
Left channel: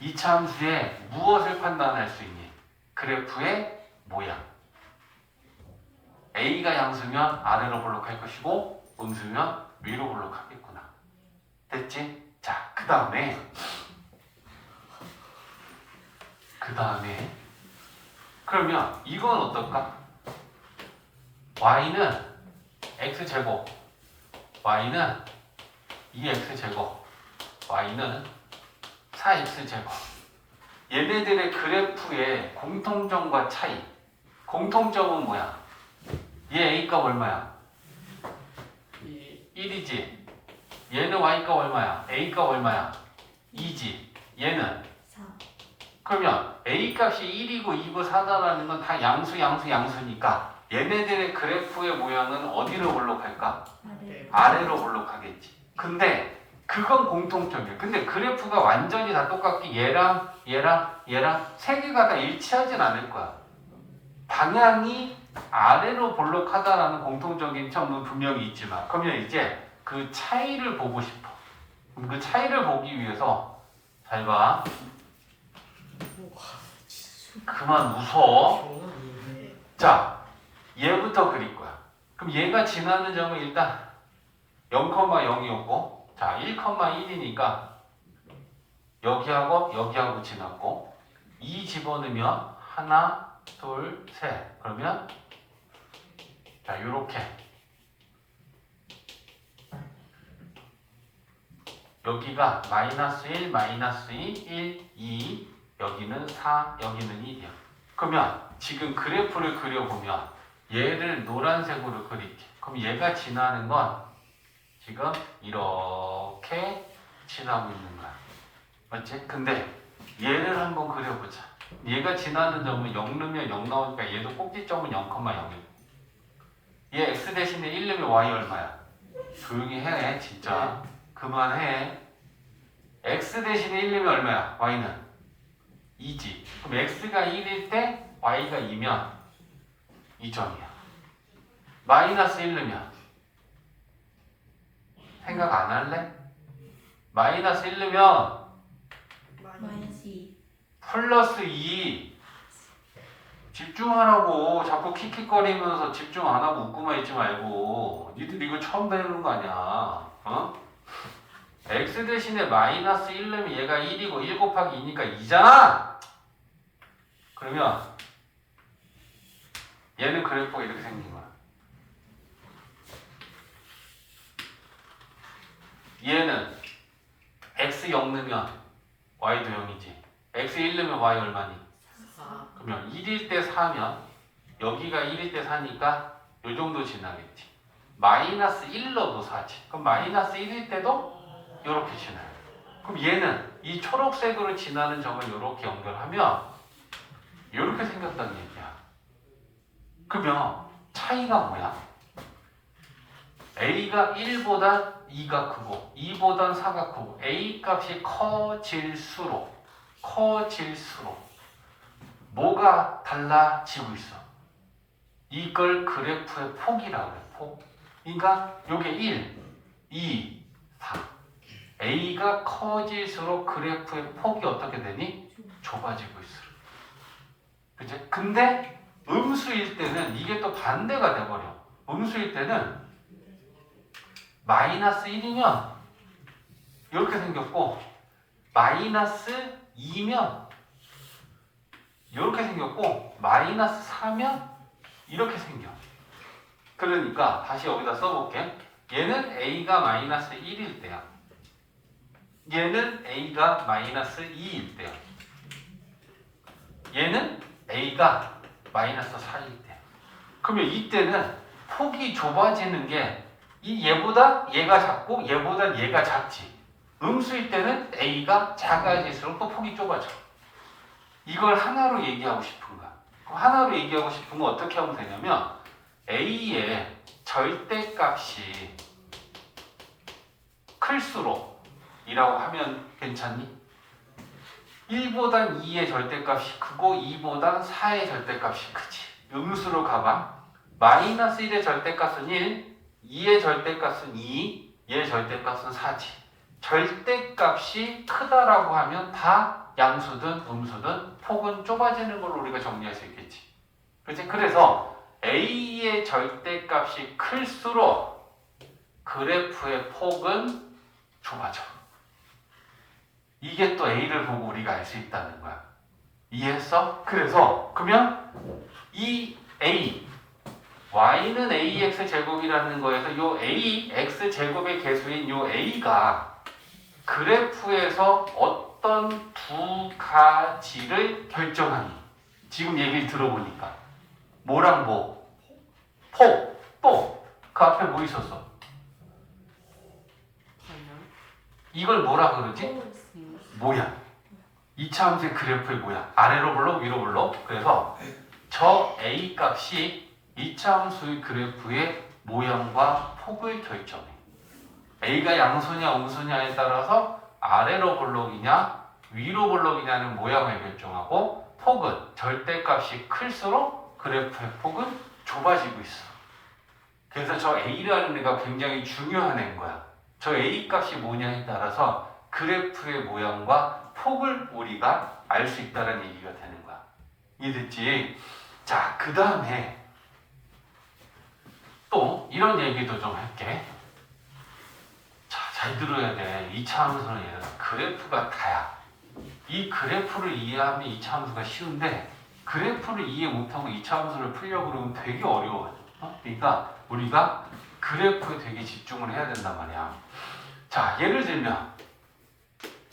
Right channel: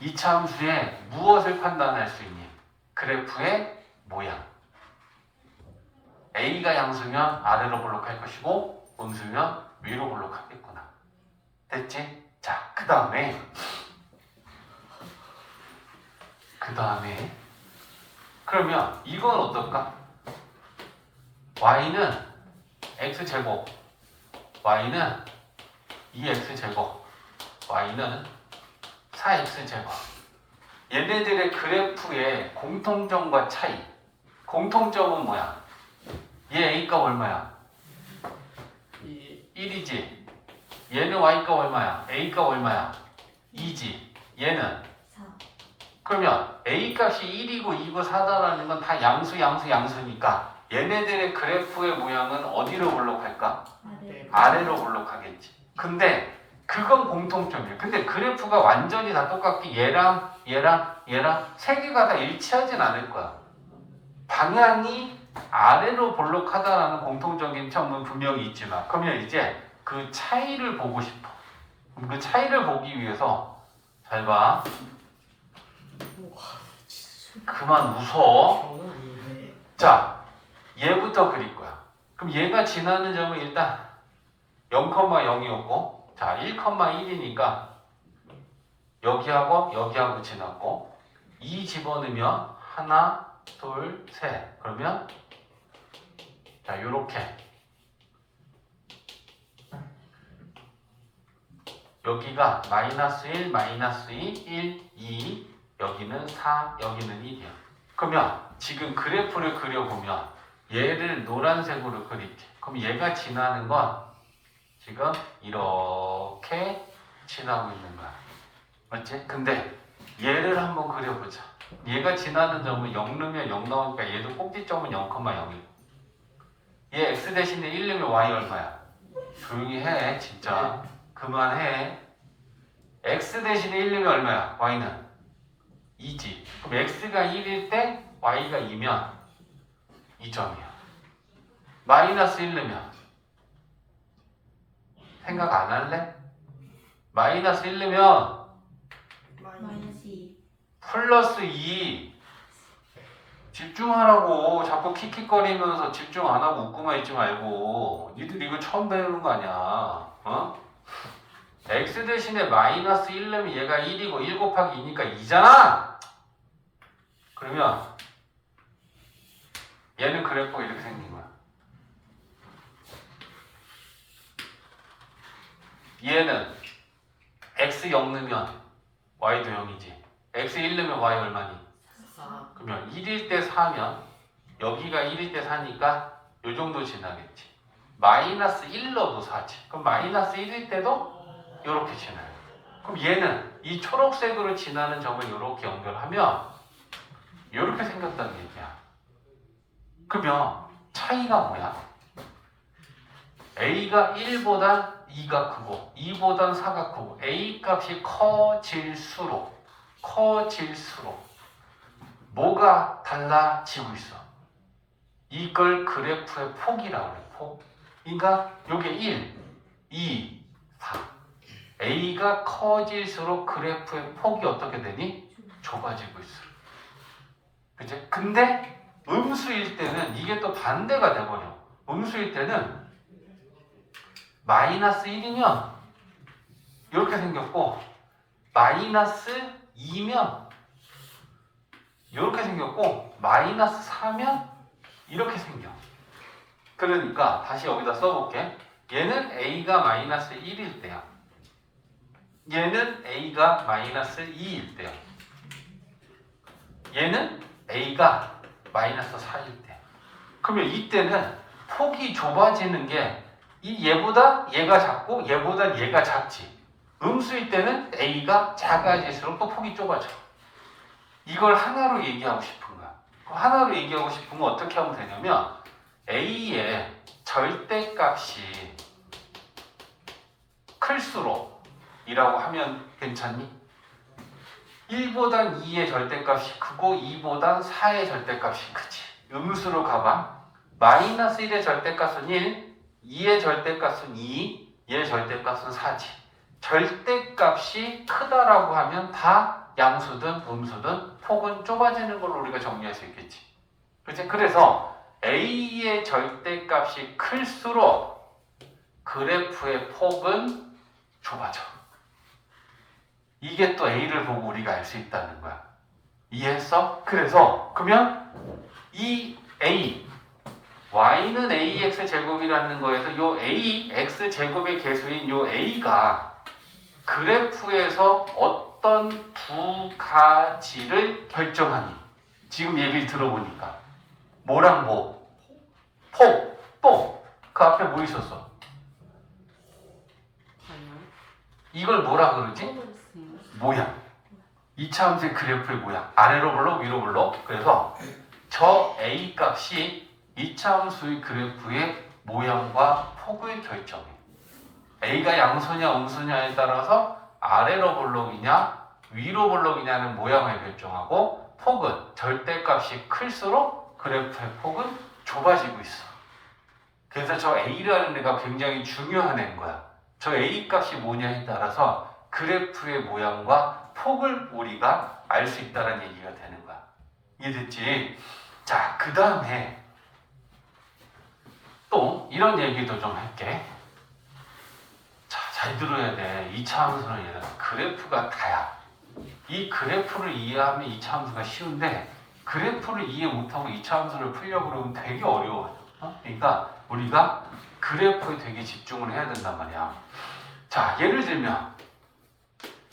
이차 함수에 무엇을 판단할 수 있니? 그래프의 모양. A가 양수면 아래로 볼록할 것이고 음수면 위로 볼록하겠구나. 됐지? 자, 그 다음에 그러면 이건 어떨까? y는 x제곱, y는 2x제곱, y는 4x제곱. 얘네들의 그래프의 공통점과 차이. 공통점은 뭐야? 얘 a값 얼마야? 1이지. 얘는 y값 얼마야? a값 얼마야? 2지. 얘는? 4. 그러면 a값이 1이고 2고 4다라는 건 다 양수니까 얘네들의 그래프의 모양은 어디로 볼록할까? 아래로 볼록하겠지. 근데 그건 공통점이에요. 근데 그래프가 완전히 다 똑같게 얘랑 세 개가 다 일치하진 않을 거야. 방향이 아래로 볼록하다라는 공통적인 점은 분명히 있지만 그러면 이제 그 차이를 보고 싶어. 그럼 그 차이를 보기 위해서 잘 봐. 그만 웃어. 저는 아닌데. 자, 얘부터 그릴 거야. 그럼 얘가 지나는 점은 일단 0,0이었고 자, 1,1이니까 여기하고 지났고 2 집어넣으면 하나, 둘, 셋. 그러면 자, 요렇게 여기가 마이너스 1, 마이너스 2, 1, 2 여기는 4, 여기는 1이야. 그러면 지금 그래프를 그려보면 얘를 노란색으로 그릴게. 그럼 얘가 지나는 건 지금 이렇게 지나고 있는 거야. 맞지? 근데 얘를 한번 그려보자. 얘가 지나는 점은 0 넣으면 0 나오니까 얘도 꼭지점은 0,0이고 얘 x 대신에 1 넣으면 y 얼마야? 조용히 해 진짜. 그만해. x 대신에 1 넣으면 얼마야? y는 2지. 그럼 x가 1일 때 y가 2면 2점이야. 마이너스 1 넣으면 생각 안 할래? 마이너스 1 넣으면 마이너스 2. 플러스 2. 집중하라고. 자꾸 킥킥거리면서 집중 안 하고 웃고만 있지 말고. 니들 이거 처음 배우는 거 아니야. 어? x 대신에 마이너스 1 넣으면 얘가 1이고 1 곱하기 2니까 2잖아. 그러면 얘는 그래프가 이렇게 생긴 거야. 얘는 x 0 넣으면 y도 0이지. x 1 넣으면 y 얼마니? 4. 그러면 1일 때 4면 여기가 1일 때 4니까 요 정도 지나겠지. 마이너스 1 넣어도 4지. 그럼 마이너스 1일 때도 이렇게 지나요. 그럼 얘는 이 초록색으로 지나는 점을 이렇게 연결하면 이렇게 생겼다는 얘기야. 그러면 차이가 뭐야? A가 1보다 2가 크고 2보단 4가 크고 A 값이 커질수록 뭐가 달라지고 있어? 이걸 그래프의 폭이라고 해. 폭. 그러니까 요게 1, 2, 4. A가 커질수록 그래프의 폭이 어떻게 되니? 좁아지고 있어. 그치? 근데 음수일 때는 이게 또 반대가 돼버려. 음수일 때는 마이너스 1이면 이렇게 생겼고 마이너스 2면 이렇게 생겼고 마이너스 4면 이렇게 생겨. 그러니까 다시 여기다 써볼게. 얘는 A가 마이너스 1일 때야. 얘는 A가 마이너스 2일 때야. 얘는 A가 마이너스 4일 때야. 그러면 이때는 폭이 좁아지는 게 이 얘보다 얘가 작고 얘보다 얘가 작지. 음수일 때는 A가 작아질수록 또 폭이 좁아져. 이걸 하나로 얘기하고 싶은 거야. 하나로 얘기하고 싶은 건 어떻게 하면 되냐면 A의 절대값이 클수록 이라고 하면 괜찮니? 1보단 2의 절대값이 크고 2보단 4의 절대값이 크지. 음수로 가봐. 마이너스 1의 절대값은 1, 2의 절대값은 2, 얘의 절대값은 4지. 절대값이 크다라고 하면 다 양수든 음수든 폭은 좁아지는 걸로 우리가 정리할 수 있겠지. 그렇지? 그래서 A의 절대값이 클수록 그래프의 폭은 좁아져. 이게 또 A를 보고 우리가 알 수 있다는 거야. 이해했어? 그래서 그러면 이 A y는 ax 제곱이라는 거에서 요 a x 제곱의 개수인 요 a가 그래프에서 어떤 두 가지를 결정하니? 지금 얘기를 들어보니까 뭐랑 뭐? 폭, 또 그 앞에 뭐 있었어? 방향. 이걸 뭐라 그러지? 모양. 이차 함수의 그래프의 모양. 아래로 불러, 위로 불러. 그래서 저 a 값이 이차 함수의 그래프의 모양과 폭을 결정해. a가 양수냐 음수냐에 따라서 아래로 볼록이냐 위로 볼록이냐는 모양을 결정하고 폭은 절대값이 클수록 그래프의 폭은 좁아지고 있어. 그래서 저 a라는 데가 굉장히 중요한 애인 거야. 저 a 값이 뭐냐에 따라서 그래프의 모양과 폭을 우리가 알 수 있다는 얘기가 되는 거야. 이해됐지? 자, 그 다음에 또 이런 얘기도 좀 할게. 자, 잘 들어야 돼. 2차 함수는 얘는 그래프가 다야. 이 그래프를 이해하면 2차 함수가 쉬운데 그래프를 이해 못하고 2차 함수를 풀려고 그러면 되게 어려워. 그러니까 우리가 그래프에 되게 집중을 해야 된단 말이야. 자, 예를 들면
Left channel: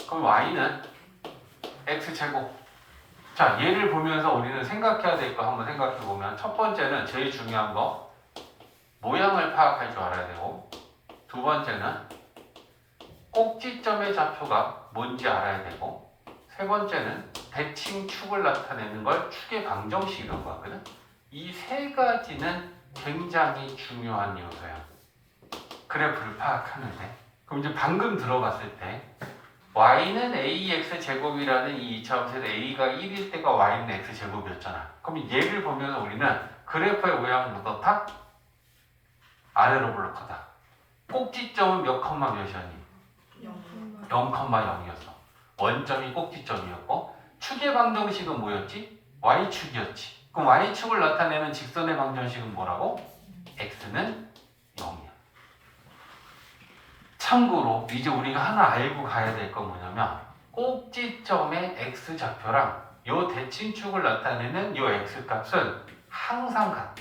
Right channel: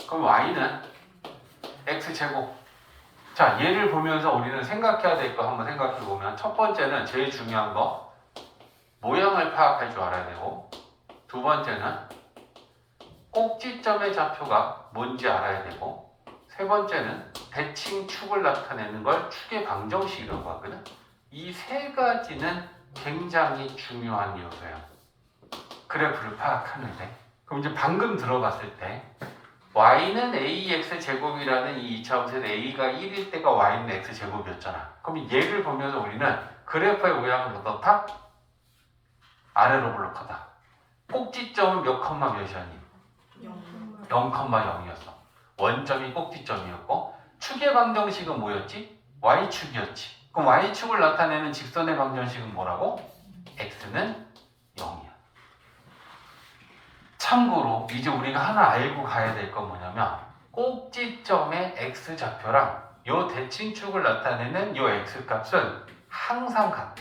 그럼 y는 x제곱. 자, 얘를 보면서 우리는 생각해야 될 거 한번 생각해 보면 첫 번째는 제일 중요한 거 모양을 파악할 줄 알아야 되고, 두 번째는 꼭지점의 좌표가 뭔지 알아야 되고, 세 번째는 대칭축을 나타내는 걸 축의 방정식이라고 하거든. 이 세 가지는 굉장히 중요한 요소예요. 그래프를 파악하는데. 그럼 이제 방금 들어봤을 때 y는 ax 제곱이라는 이 2차 함수에서 a가 1일 때가 y는 x 제곱이었잖아. 그럼 얘를 보면서 우리는 그래프의 모양은 어떻다? 아래로 볼록하다. 꼭지점은 몇 컴마 몇이었니? 0,0이었어. 원점이 꼭지점이었고 축의 방정식은 뭐였지? y축이었지. 그럼 y축을 나타내는 직선의 방정식은 뭐라고? x는 0이야. 참고로 이제 우리가 하나 알고 가야 될 건 뭐냐면 꼭지점의 x좌표랑 요 대칭축을 나타내는 요 x값은 항상 같아.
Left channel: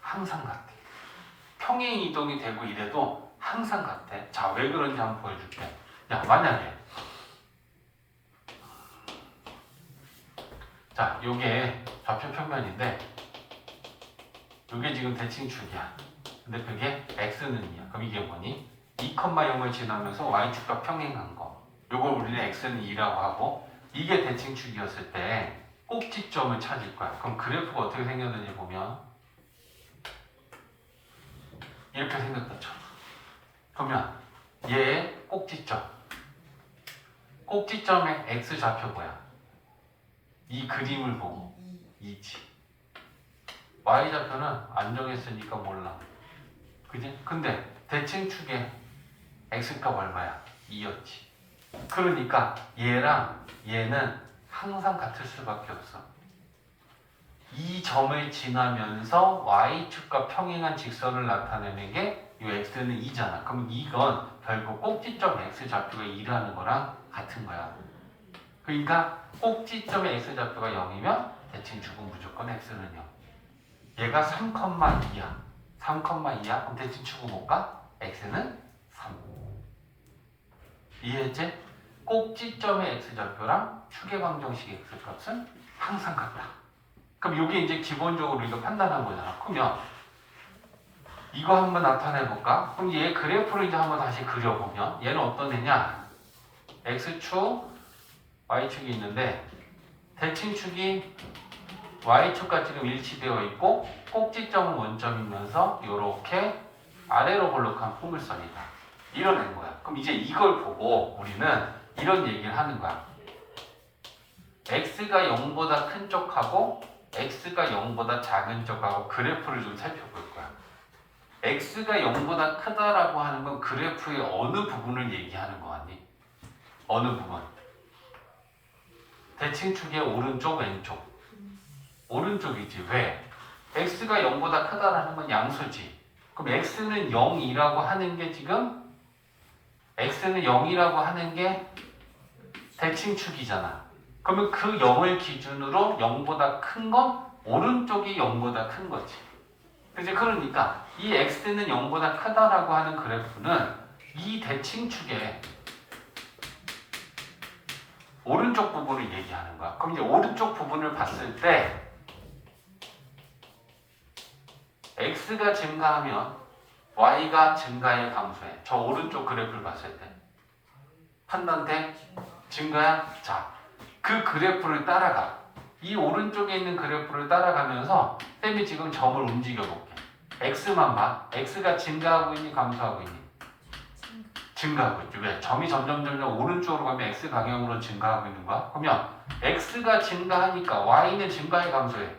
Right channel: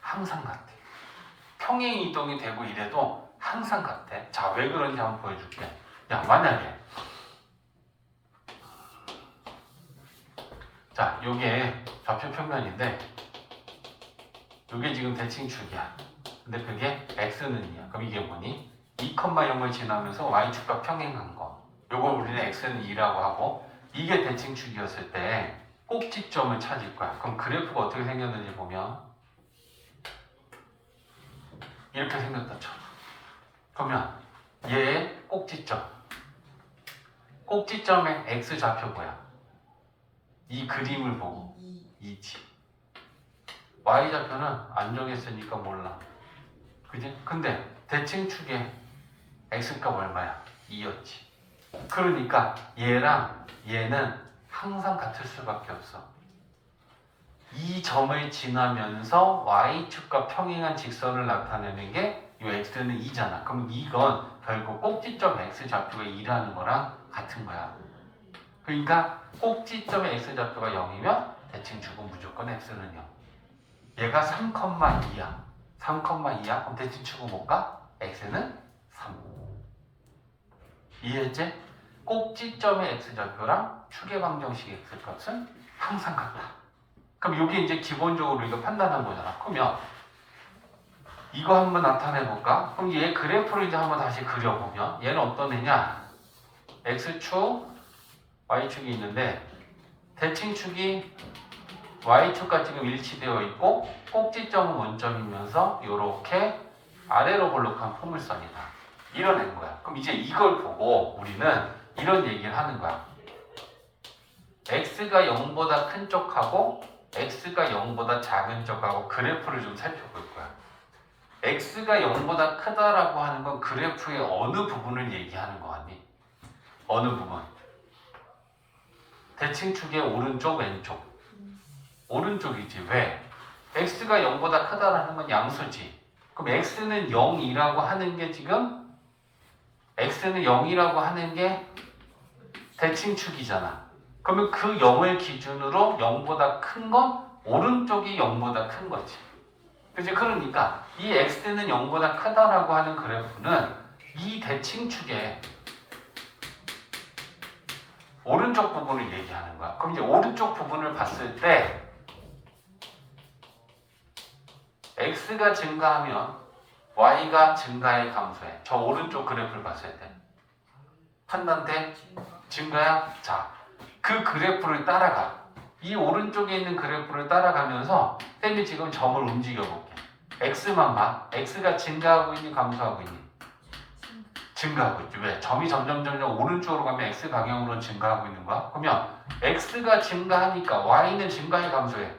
항상 같아. 평행 이동이 되고 이래도 항상 같아. 자, 왜 그런지 한번 보여줄게. 야, 만약에 자, 요게 좌표 평면인데 요게 지금 대칭축이야. 근데 그게 x는 2야. 그럼 이게 뭐니? 2,0을 지나면서 y축과 평행한 거. 요걸 우리는 x는 2라고 하고 이게 대칭축이었을 때 꼭지점을 찾을 거야. 그럼 그래프가 어떻게 생겼는지 보면 이렇게 생겼다 쳐. 보면 얘의 꼭지점. 꼭지점의 x좌표 뭐야? 이 그림을 보고 2지. y좌표는 안 정했으니까 몰라. 그지? 근데 대칭축의 x값 얼마야? 2였지. 그러니까 얘랑 얘는 항상 같을 수밖에 없어. 이 점을 지나면서 y축과 평행한 직선을 나타내는 게 이 x는 2잖아. 그럼 이건 결국 꼭지점 x좌표가 2라는 거랑 같은 거야. 그러니까 꼭지점의 x좌표가 0이면 대칭축은 무조건 x는 0. 얘가 3,2야. 3,2야? 그럼 대칭축은 뭘까? x는 3. 이해했지? 꼭지점의 x좌표랑 축의 방정식 x값은 항상 같다. 그럼 이게 이제 기본적으로 우리가 판단한 거잖아. 그러면 이거 한번 나타내 볼까? 그럼 얘 그래프를 이제 한번 다시 그려보면 얘는 어떤 애냐? x축, y축이 있는데 대칭축이 y축과 지금 일치되어 있고 꼭지점은 원점이면서 이렇게 아래로 볼록한 포물선이다. 이뤄낸 거야. 그럼 이제 이걸 보고 우리는 이런 얘기를 하는 거야. x가 0보다 큰 쪽하고 x가 0보다 작은 쪽하고 그래프를 좀 살펴볼 거야. x가 0보다 크다라고 하는 건 그래프의 어느 부분을 얘기하는 거 같니? 어느 부분? 대칭축의 오른쪽, 왼쪽. 오른쪽이지. 왜? x가 0보다 크다라는 건 양수지. 그럼 x는 0이라고 하는 게 지금 x는 0이라고 하는 게 대칭축이잖아. 그러면 그 0을 기준으로 0보다 큰 건 오른쪽이 0보다 큰 거지. 그치? 그러니까 이 x는 0보다 크다라고 하는 그래프는 이 대칭축의 오른쪽 부분을 얘기하는 거야. 그럼 이제 오른쪽 부분을 봤을 때 x가 증가하면 y가 증가해 감소해. 저 오른쪽 그래프를 봤을 때 판단돼? 증가야? 자, 그 그래프를 따라가. 이 오른쪽에 있는 그래프를 따라가면서 쌤이 지금 점을 움직여 볼게. x만 봐. x가 증가하고 있니? 감소하고 있니? 증가하고 있지. 왜? 점이 점점 오른쪽으로 가면 x 방향으로 증가하고 있는 거야. 그러면 x가 증가하니까 y는 증가해 감소해?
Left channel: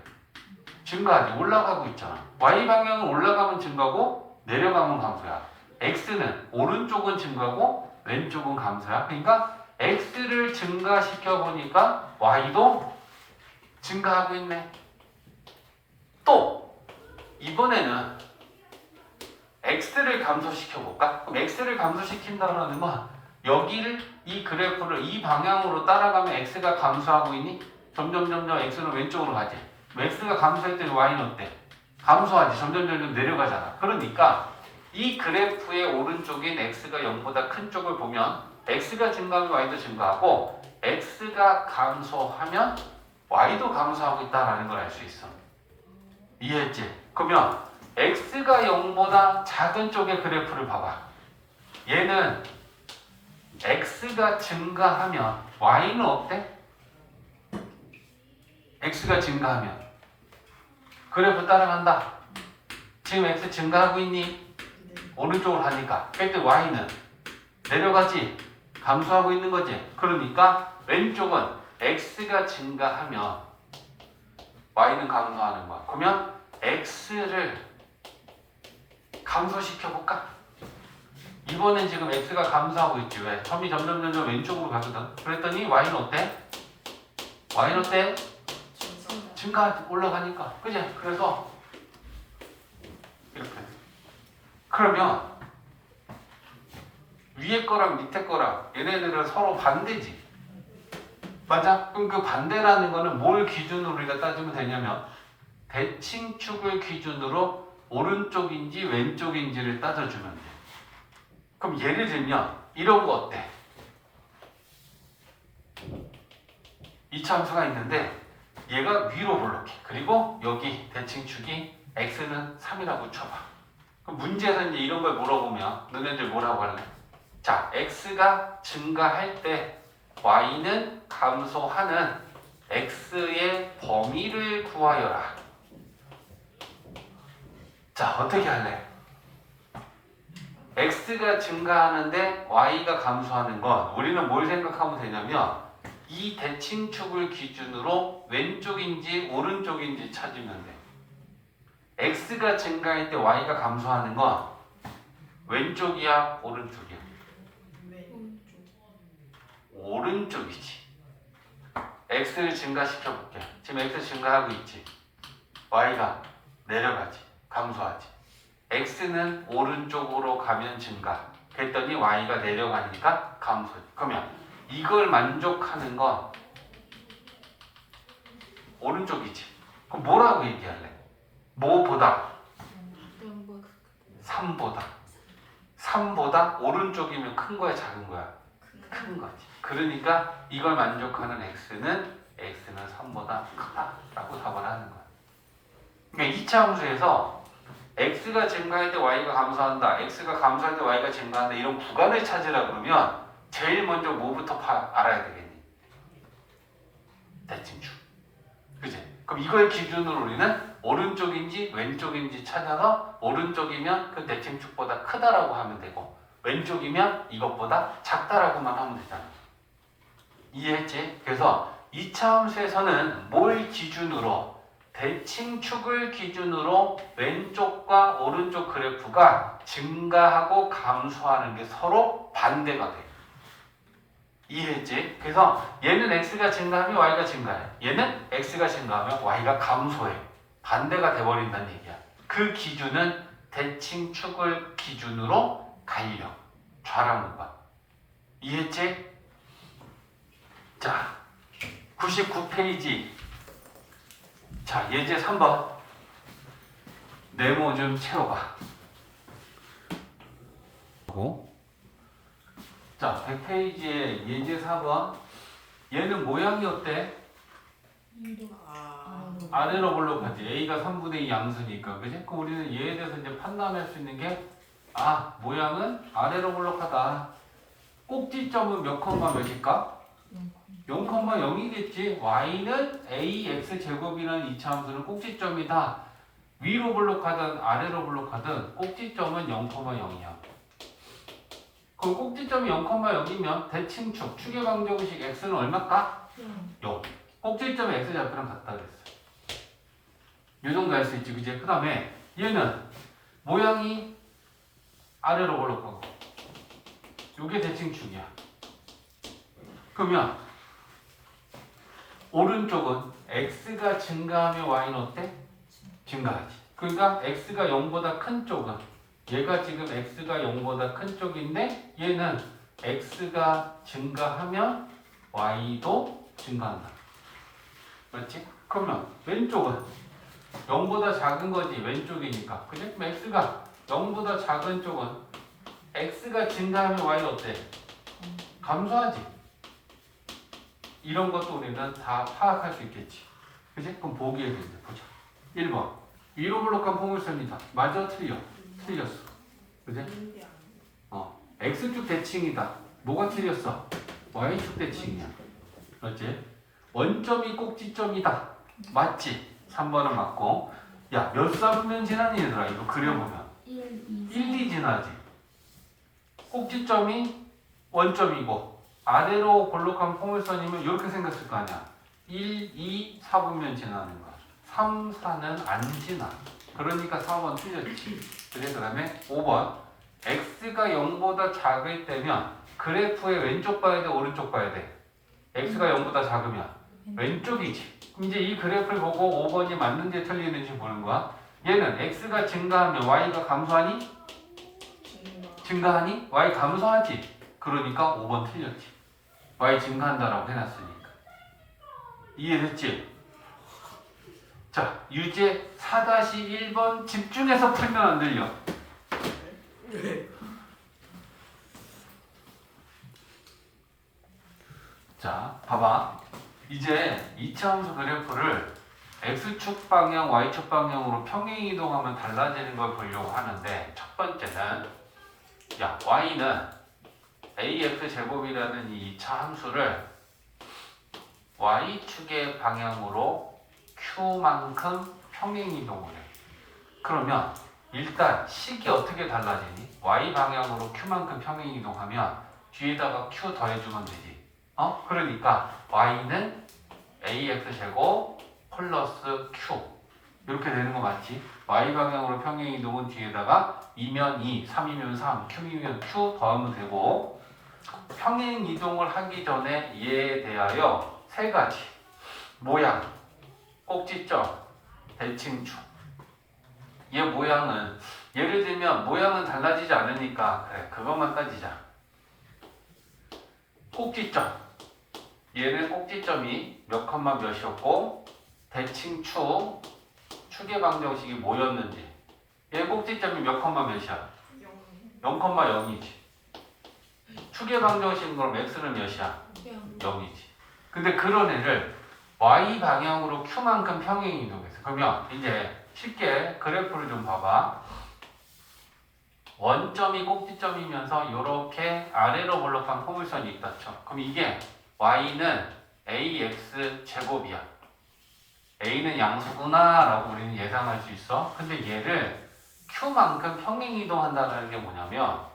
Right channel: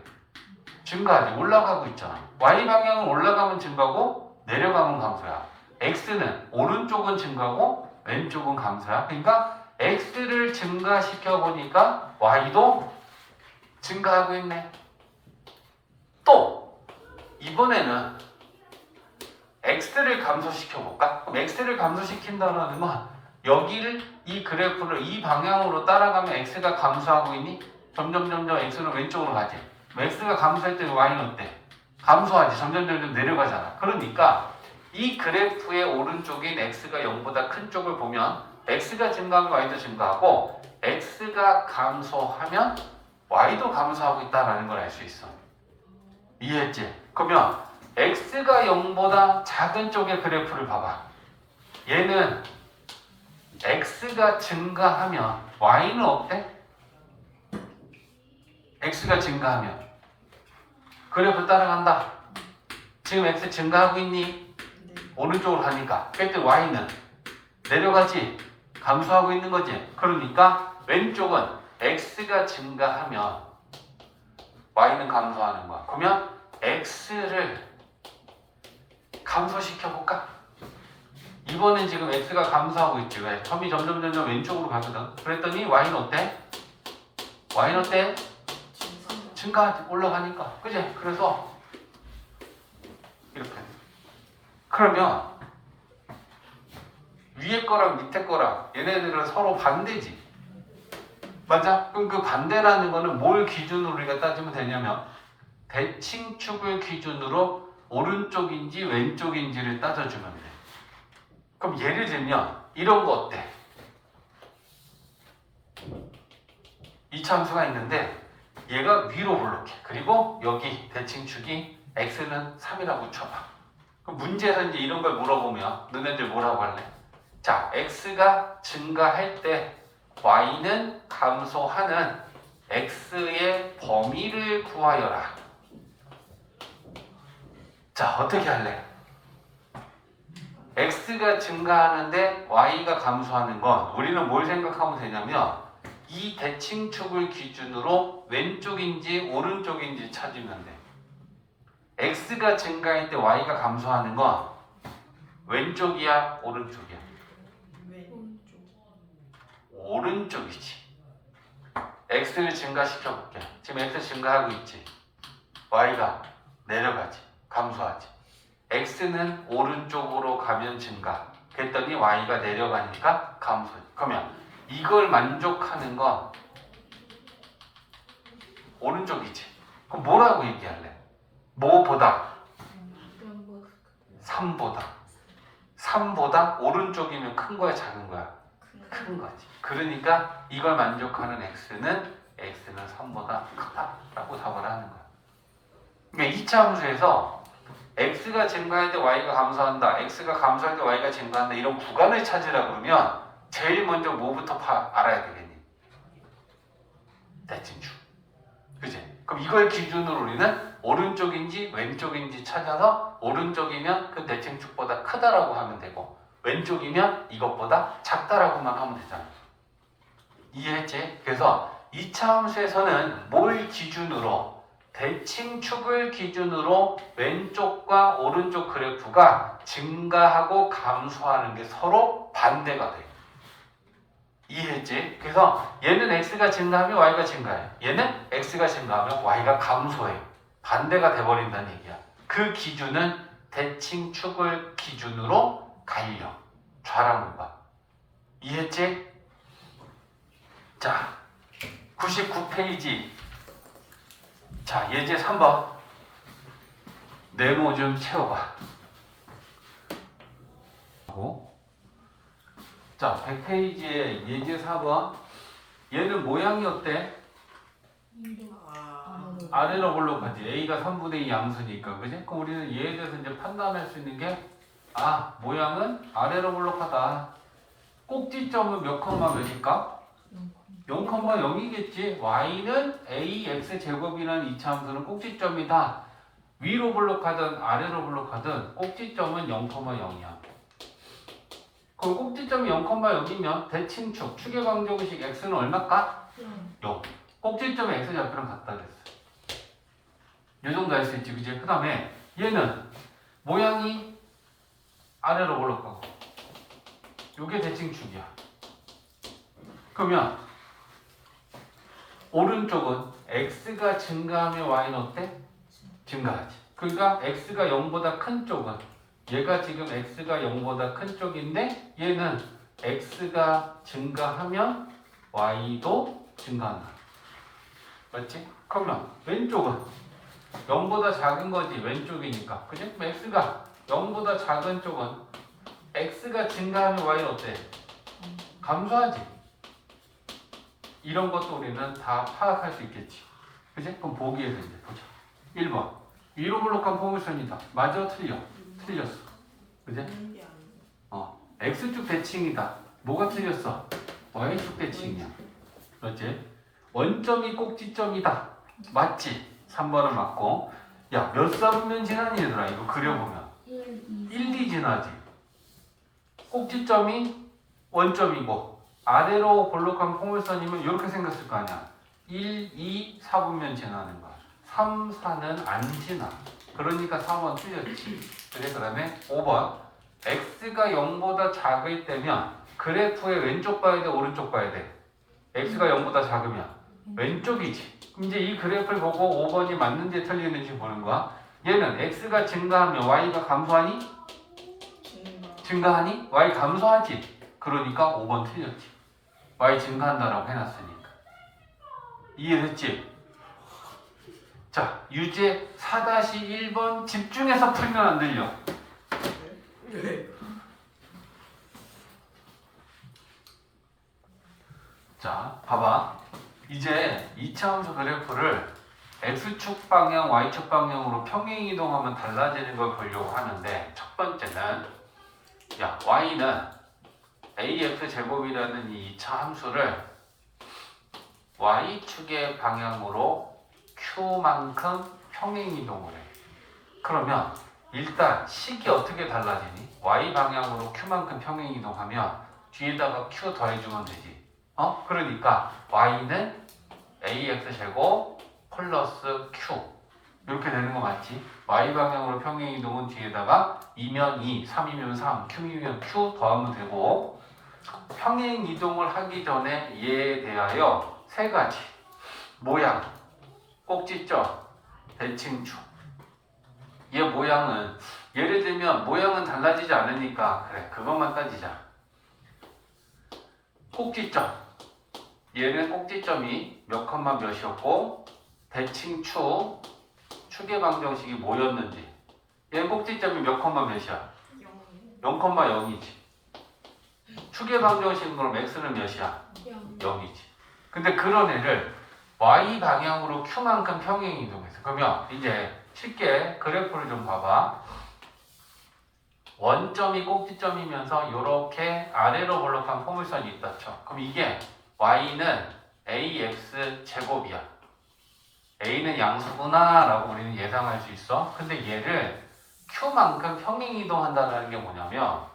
증가하지. 올라가고 있잖아. y 방향은 올라가면 증가고 내려가면 감소야. x는 오른쪽은 증가고 왼쪽은 감소야. 그러니까 x를 증가시켜 보니까 y도 증가하고 있네. 또 이번에는 x를 감소시켜 볼까? 그럼 x를 감소시킨다는 건 여기를 이 그래프를 이 방향으로 따라가면 x가 감소하고 있니? 점점 x는 왼쪽으로 가지. x가 감소할 때 y는 어때? 감소하지. 점점 내려가잖아. 그러니까 이 그래프의 오른쪽인 x가 0보다 큰 쪽을 보면 x가 증가하면 y도 증가하고 x가 감소하면 y도 감소하고 있다는 걸 알 수 있어. 이해했지? 그러면 x가 0보다 작은 쪽의 그래프를 봐봐. 얘는 x가 증가하면 y는 어때? x가 증가하면 그래프 따라간다. 지금 x 증가하고 있니? 오른쪽으로 가니까. 그때 y는 내려가지. 감소하고 있는 거지. 그러니까 왼쪽은 x가 증가하면 y는 감소하는 거야. 그러면 x를 감소시켜 볼까? 이번엔 지금 x가 감소하고 있지. 왜? 점이 점점 왼쪽으로 가거든. 그랬더니 y는 어때? y는 어때? 증가 올라가니까. 그지? 그래서 이렇게. 그러면 위에 거랑 밑에 거랑 얘네들은 서로 반대지. 맞아? 그럼 그 반대라는 거는 뭘 기준으로 우리가 따지면 되냐면 대칭축을 기준으로 오른쪽인지 왼쪽인지를 따져주면 돼. 그럼 예를 들면 이런 거 어때? 이 함수가 있는데 얘가 위로 올라게. 그리고 여기 대칭축이 x는 3이라고 쳐봐. 그럼 문제에서 이제 이런 걸 물어보면 너네들 뭐라고 할래? 자, x가 증가할 때 y는 감소하는 x의 범위를 구하여라. 자, 어떻게 할래? x가 증가하는데 y가 감소하는 건 우리는 뭘 생각하면 되냐면 이 대칭축을 기준으로 왼쪽인지 오른쪽인지 찾으면 돼. x가 증가할 때 y가 감소하는 건 왼쪽이야, 오른쪽이야? 오른쪽이지. x를 증가시켜 볼게. 지금 x 증가하고 있지. y가 내려가지. 감소하지. x는 오른쪽으로 가면 증가. 그랬더니 y가 내려가니까 감소. 그러면 이걸 만족하는 건 오른쪽이지. 그럼 뭐라고 얘기할래? 뭐보다? 3보다. 3보다 오른쪽이면 큰 거야, 작은 거야? 큰 거지. 그러니까 이걸 만족하는 x는 3보다 크다라고 답을 하는 거야. 그러니까 2차 함수에서 x가 증가할 때 y가 감소한다, x가 감소할 때 y가 증가한다 이런 구간을 찾으라 그러면 제일 먼저 뭐부터 알아야 되겠니? 대칭축. 그치? 그럼 이걸 기준으로 우리는 오른쪽인지 왼쪽인지 찾아서 오른쪽이면 그 대칭축보다 크다라고 하면 되고 왼쪽이면 이것보다 작다라고만 하면 되잖아. 이해했지? 그래서 이차 함수에서는 뭘 기준으로? 대칭축을 기준으로 왼쪽과 오른쪽 그래프가 증가하고 감소하는 게 서로 반대가 돼. 이해했지? 그래서 얘는 x가 증가하면 y가 증가해. 얘는 x가 증가하면 y가 감소해. 반대가 돼버린다는 얘기야. 그 기준은 대칭축을 기준으로 갈려. 좌랑 우가. 이해했지? 자, 99페이지. 자, 예제 3번. 네모 좀 채워봐. 자, 100페이지에 예제 4번. 얘는 모양이 어때? 아, 아래로 볼록하지. A가 3분의 2 양수니까. 그지? 그럼 우리는 얘에 대해서 이제 판단할 수 있는 게, 아, 모양은 아래로 볼록하다. 꼭지점은 몇 컴마 몇일까? 0,0이겠지. y는 ax 제곱이라는 이차함수는 꼭지점이다. 위로 볼록하든 아래로 볼록하든 꼭지점은 0,0이야. 그럼 꼭지점이 0,0이면 대칭축, 축의 방정식 x는 얼마일까? 0. 꼭지점에 x 좌표랑 같다 그랬어. 이 정도 할 수 있지, 그지? 그 다음에 얘는 모양이 아래로 볼록하고 요게 대칭축이야. 그러면 오른쪽은 x가 증가하면 y는 어때? 증가하지. 그러니까 x가 0보다 큰 쪽은 얘가 지금 x가 0보다 큰 쪽인데 얘는 x가 증가하면 y도 증가한다. 맞지? 그러면 왼쪽은 0보다 작은 거지. 왼쪽이니까. 그지? 그럼 x가 0보다 작은 쪽은 x가 증가하면 y는 어때? 감소하지. 이런 것도 우리는 다 파악할 수 있겠지. 그치? 그럼 보기에 된대. 보자. 1번. 위로 볼록한 포물선이다. 맞아? 틀려? 틀렸어. 그치? X축 대칭이다. 뭐가 틀렸어? Y축 대칭이야. 맞지? 원점이 꼭지점이다. 맞지? 3번은 맞고. 야, 몇 사분면 지나니 얘들아? 이거 그려보면. 1, 2 지나지. 꼭지점이 원점이고 아래로 볼록한 포물선이면 이렇게 생겼을 거 아니야. 1, 2, 4분면 지나는 거야. 3, 4는 안 지나. 그러니까 4번 틀렸지. 그래, 그 다음에 5번. x가 0보다 작을 때면 그래프의 왼쪽 봐야 돼, 오른쪽 봐야 돼? x가 0보다 작으면 왼쪽이지. 그럼 이제 이 그래프를 보고 5번이 맞는지 틀리는지 보는 거야. 얘는 x가 증가하면 y가 감소하니? 증가하니? y 감소하지. 그러니까 5번 틀렸지. y 증가한다라고 해놨으니까. 이해됐지? 자, 유제 4-1번 집중해서 풀면 안 들려. 네. 자, 봐봐. 이제 2차 함수 그래프를 x축 방향, y축 방향으로 평행 이동하면 달라지는 걸 보려고 하는데 첫 번째는 야, y는 ax 제곱이라는 이 2차 함수를 y축의 방향으로 q만큼 평행 이동을 해. 그러면 일단 식이 어떻게 달라지니? y 방향으로 q만큼 평행 이동하면 뒤에다가 q 더해주면 되지. 그러니까 y는 ax 제곱 플러스 q 이렇게 되는 거 맞지? y 방향으로 평행 이동은 뒤에다가 2면 2, 3이면 3, q이면 q 더하면 되고 평행 이동을 하기 전에 얘에 대하여 세 가지 모양, 꼭지점, 대칭축. 얘 모양은 예를 들면 모양은 달라지지 않으니까 그래 그것만 따지자. 꼭지점 얘는 꼭지점이 몇 컴마 몇이었고 대칭축 축의 방정식이 뭐였는지 얘 꼭지점이 몇 컴마 몇이야? 0,0이지. 축의 방정식은 그럼 x는 몇이야? 0이지. 근데 그런 애를 y 방향으로 q만큼 평행 이동해서 그러면 이제 쉽게 그래프를 좀 봐봐. 원점이 꼭지점이면서 이렇게 아래로 볼록한 포물선이 있다 쳐. 그럼 이게 y는 ax 제곱이야. a는 양수구나 라고 우리는 예상할 수 있어. 근데 얘를 q만큼 평행 이동한다는 게 뭐냐면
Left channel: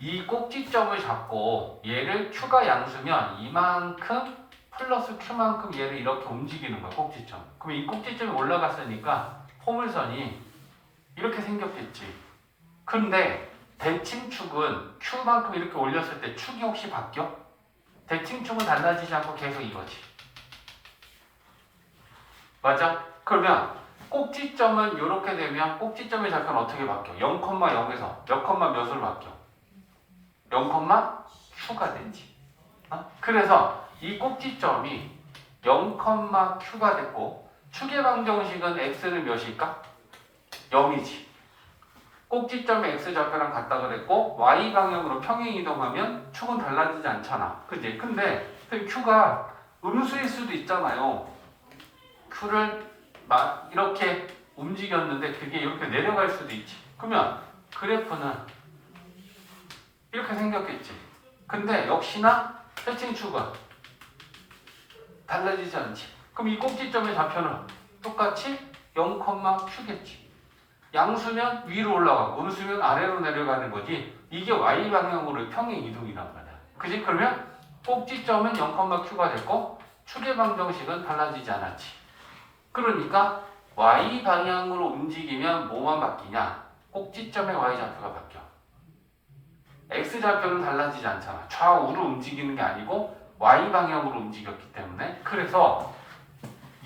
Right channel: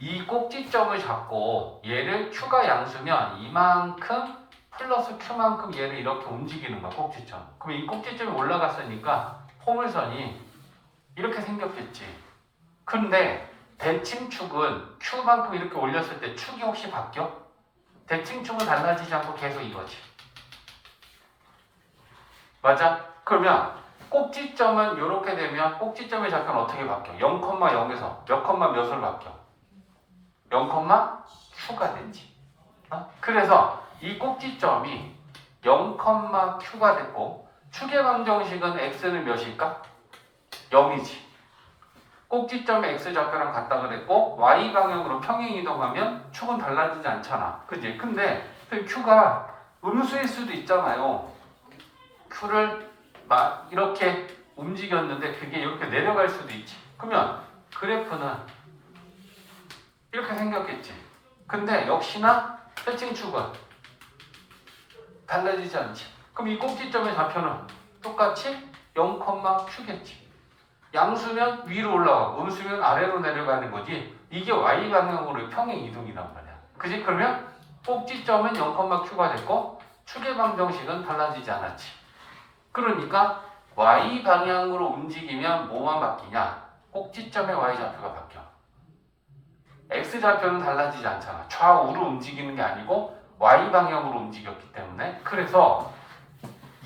이 꼭지점을 잡고 얘를 Q가 양수면 이만큼 플러스 Q만큼 얘를 이렇게 움직이는 거야, 꼭지점. 그럼 이 꼭지점이 올라갔으니까 포물선이 이렇게 생겼겠지. 근데 대칭축은 Q만큼 이렇게 올렸을 때 축이 혹시 바뀌어? 대칭축은 달라지지 않고 계속 이거지. 맞아? 그러면 꼭지점은 이렇게 되면 꼭지점의 좌표는 어떻게 바뀌어? 0,0에서 몇 컴마 몇으로 바뀌어? 0, Q가 됐지. 그래서 이 꼭지점이 0, Q가 됐고 축의 방정식은 x는 몇일까? 0이지. 꼭지점의 x좌표랑 같다 그랬고 y 방향으로 평행 이동하면 축은 달라지지 않잖아. 그지? 근데 q가 음수일 수도 있잖아요. q를 막 이렇게 움직였는데 그게 이렇게 내려갈 수도 있지. 그러면 그래프는 이렇게 생겼겠지. 근데 역시나 대칭축은 달라지지 않지. 그럼 이 꼭지점의 좌표는 똑같이 0, Q겠지. 양수면 위로 올라가고 음수면 아래로 내려가는 거지. 이게 y 방향으로 평행 이동이란 말이야. 그지? 그러면 꼭지점은 0, Q가 됐고 축의 방정식은 달라지지 않았지. 그러니까 y 방향으로 움직이면 뭐만 바뀌냐? 꼭지점의 y 좌표가 바뀌어. x 좌표는 달라지지 않잖아. 좌우로 움직이는 게 아니고 y 방향으로 움직였기 때문에. 그래서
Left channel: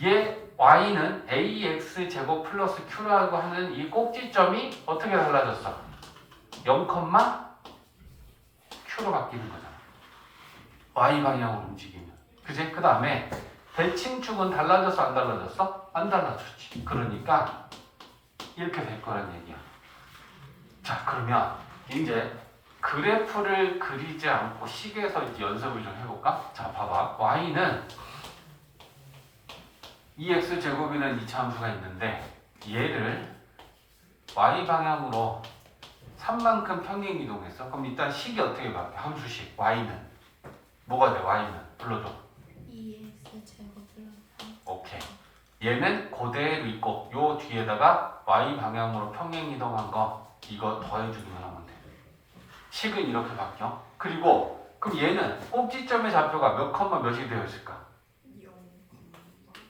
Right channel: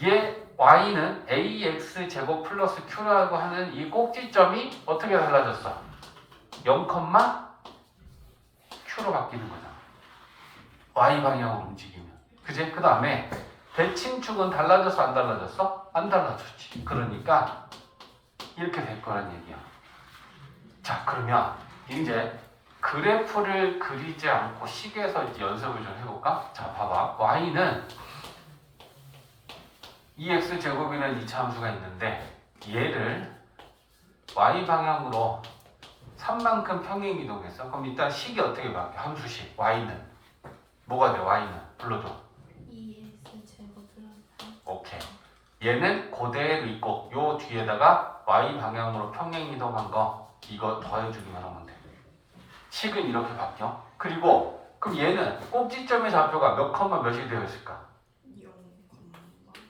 얘 y는 ax 제곱 플러스 q라고 하는 이 꼭지점이 어떻게 달라졌어? 0, q로 바뀌는 거잖아. y 방향으로 움직이면. 그지? 그 다음에 대칭축은 달라졌어 안 달라졌어? 안 달라졌지. 그러니까 이렇게 될 거란 얘기야. 자, 그러면 이제 그래프를 그리지 않고 식에서 이제 연습을 좀 해볼까? 자, 봐봐. y는 2x 제곱이라는 이차함수가 있는데 얘를 y 방향으로 3만큼 평행 이동했어. 그럼 일단 식이 어떻게 바뀌어? 함수식 y는 뭐가 돼? y는 불러줘. 2x 제곱 플러스 오케이. 얘는 그대로 있고 요 뒤에다가 y 방향으로 평행 이동한 거 이거 더해주기만 하면 돼. 식은 이렇게 바뀌어. 그리고 그럼 얘는 꼭지점의 좌표가 몇 컴마 몇이 되어 있을까?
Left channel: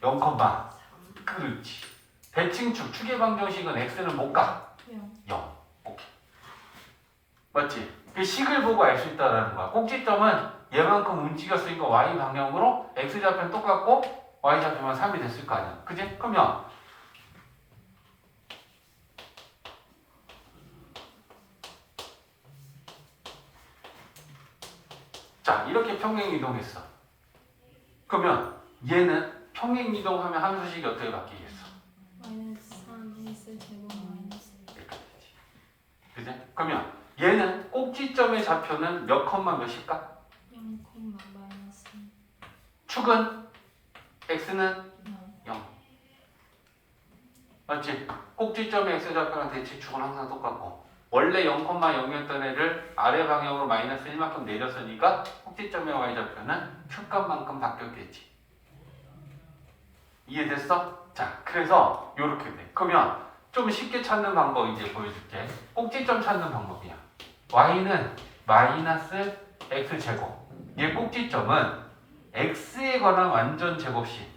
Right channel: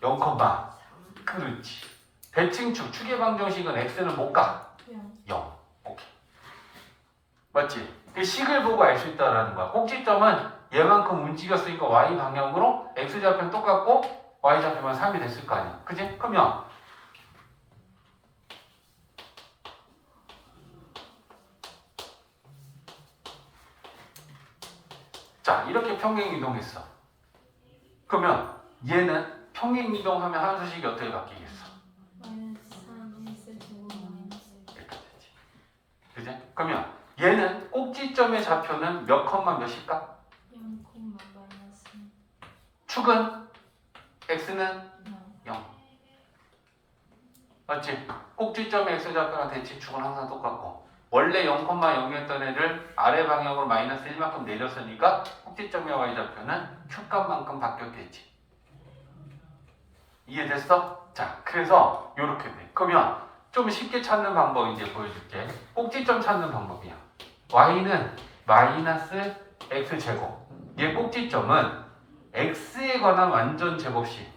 0, 그렇지. 대칭축, 축의 방정식은 x는 못 가. 0. 오케이. 맞지? 이 식을 보고 알 수 있다는 거야. 꼭지점은 얘만큼 움직였으니까 y 방향으로 x 좌표는 똑같고 y 좌표만 3이 됐을 거 아니야. 그지? 그러면 자, 이렇게 평행 이동했어. 그러면 얘는 평행 이동하면 함수식이 어떻게 바뀌겠어? 마이너스 3x 제곱 마이너스 이렇게 되지. 그지? 그러면 얘는 꼭지점의 좌표는 몇 컴마 몇일까? 0, 마이너스 축은 x는 0 0. 맞지? 꼭지점의 x좌표랑 대칭축은 항상 똑같고 원래 0,0이었던 애를 아래 방향으로 마이너스 1만큼 내렸으니까 꼭지점의 y좌표는 q값만큼 바뀌었겠지. 이해됐어? 자, 그래서 이렇게 돼. 그러면 좀 쉽게 찾는 방법 이제 보여줄게. 꼭지점 찾는 방법이야. y는 마이너스 x제곱. 얘 꼭지점은 x에 관한 완전 제곱식.